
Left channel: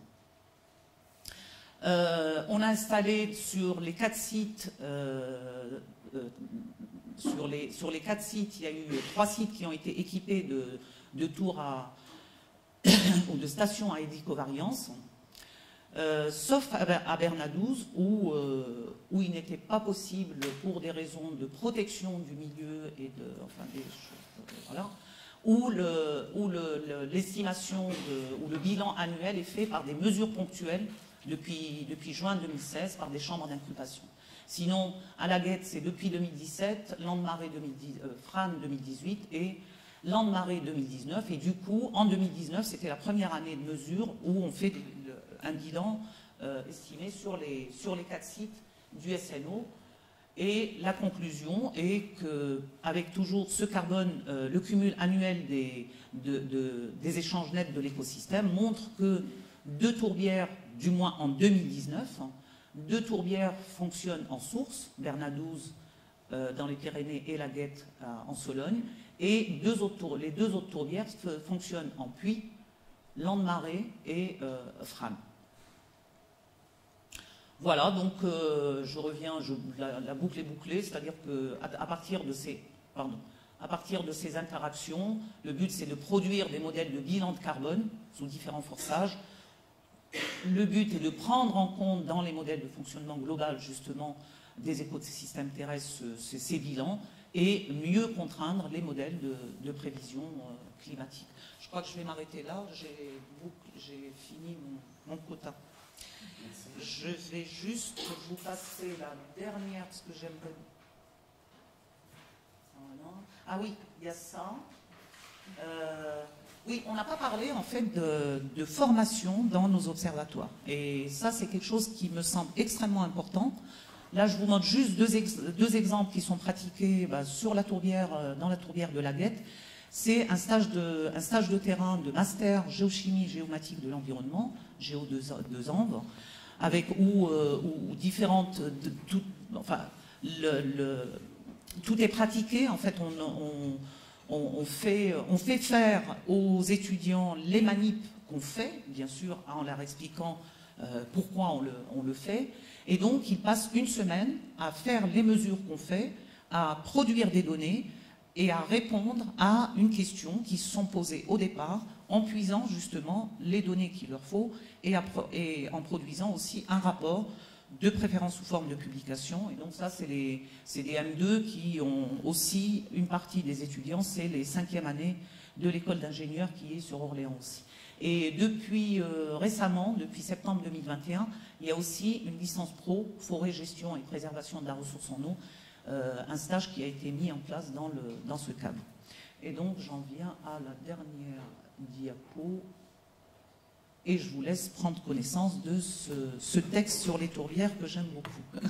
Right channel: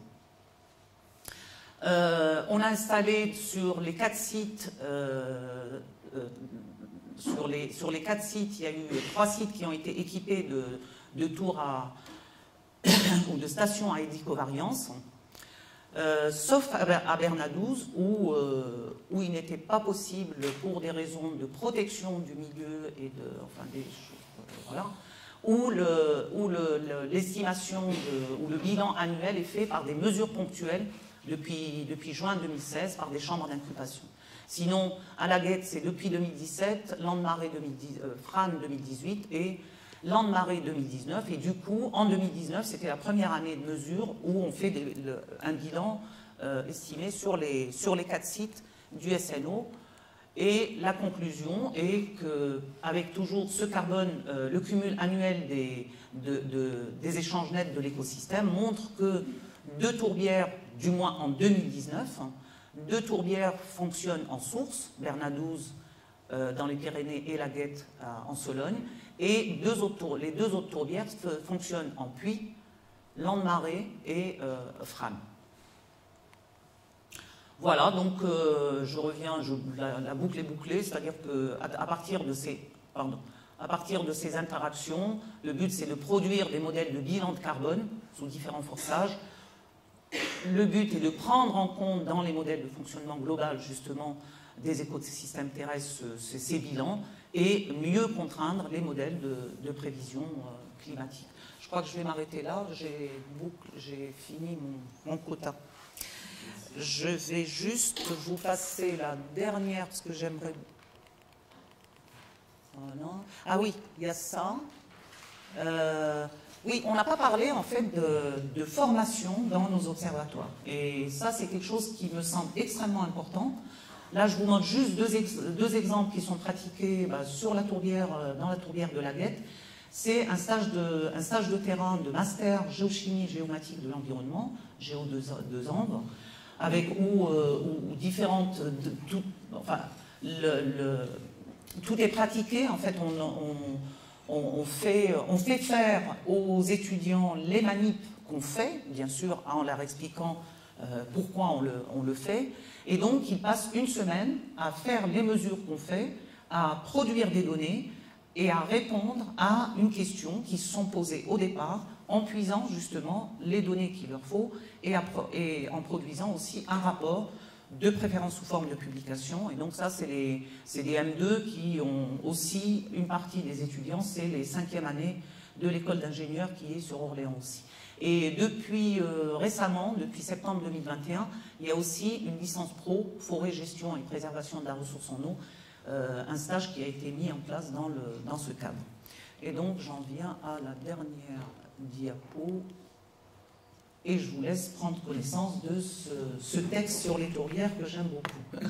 On a installé sur les 4 sites, sur les 4 sites, il y a eu 3 sites qui ont été équipés de tours ou de stations à hélicovariance, sauf à Bernadouz où il n'était pas possible, pour des raisons de protection du milieu et voilà, où l'estimation ou le bilan annuel est fait par des mesures ponctuelles depuis juin 2016 par des chambres d'inculpation. Sinon, à la Guette, c'est depuis 2017, Lande-Marée Fran 2018 et Lande-Marée 2019. Et du coup, en 2019, c'était la première année de mesure où on fait un bilan estimé sur les 4 sites du SNO. Et la conclusion est qu'avec toujours ce carbone, le cumul annuel des échanges nets de l'écosystème montre que 2 tourbières, du moins en 2019, 2 tourbières fonctionnent en source, Bernadouz dans les Pyrénées et la Guette en Sologne, et les 2 autres tourbières fonctionnent en puits, Lande-Marée et Fran. Voilà, donc je reviens, la boucle est bouclée, c'est-à-dire qu'à partir de ces interactions, le but c'est de produire des modèles de bilan de carbone sous différents forçages. Le but est de prendre en compte dans les modèles de fonctionnement global justement des écosystèmes terrestres ces bilans et mieux contraindre les modèles de prévision climatique. Je crois que je vais m'arrêter là, j'ai fini mon quota. Je vais juste vous passer la dernière, parce que j'aimerais... Voilà. Ah oui, il y a ça. Oui, on n'a pas parlé en fait de formation dans nos observatoires. Et ça, c'est quelque chose qui me semble extrêmement important. Là, je vous montre juste deux exemples qui sont pratiqués sur la tourbière, dans la tourbière de la Guette. C'est un stage de terrain de master géochimie géomatique de l'environnement, Géo 2 Angles, avec où différentes... tout est pratiqué. En fait, on fait faire aux étudiants les manips qu'on fait, bien sûr, en leur expliquant pourquoi on le fait. Et donc, ils passent une semaine à faire les mesures qu'on fait, à produire des données et à répondre à une question qui se sont posées au départ en puisant justement les données qu'il leur faut et en produisant aussi un rapport de préférence sous forme de publication. Et donc ça, c'est les M2 qui ont aussi une partie des étudiants, c'est les 5e années de l'école d'ingénieurs qui est sur Orléans aussi. Et depuis récemment, depuis septembre 2021, il y a aussi une licence pro, forêt, gestion et préservation de la ressource en eau, un stage qui a été mis en place dans ce cadre. Et donc j'en viens à la dernière diapo et je vous laisse prendre connaissance de ce texte sur les tourbières que j'aime beaucoup.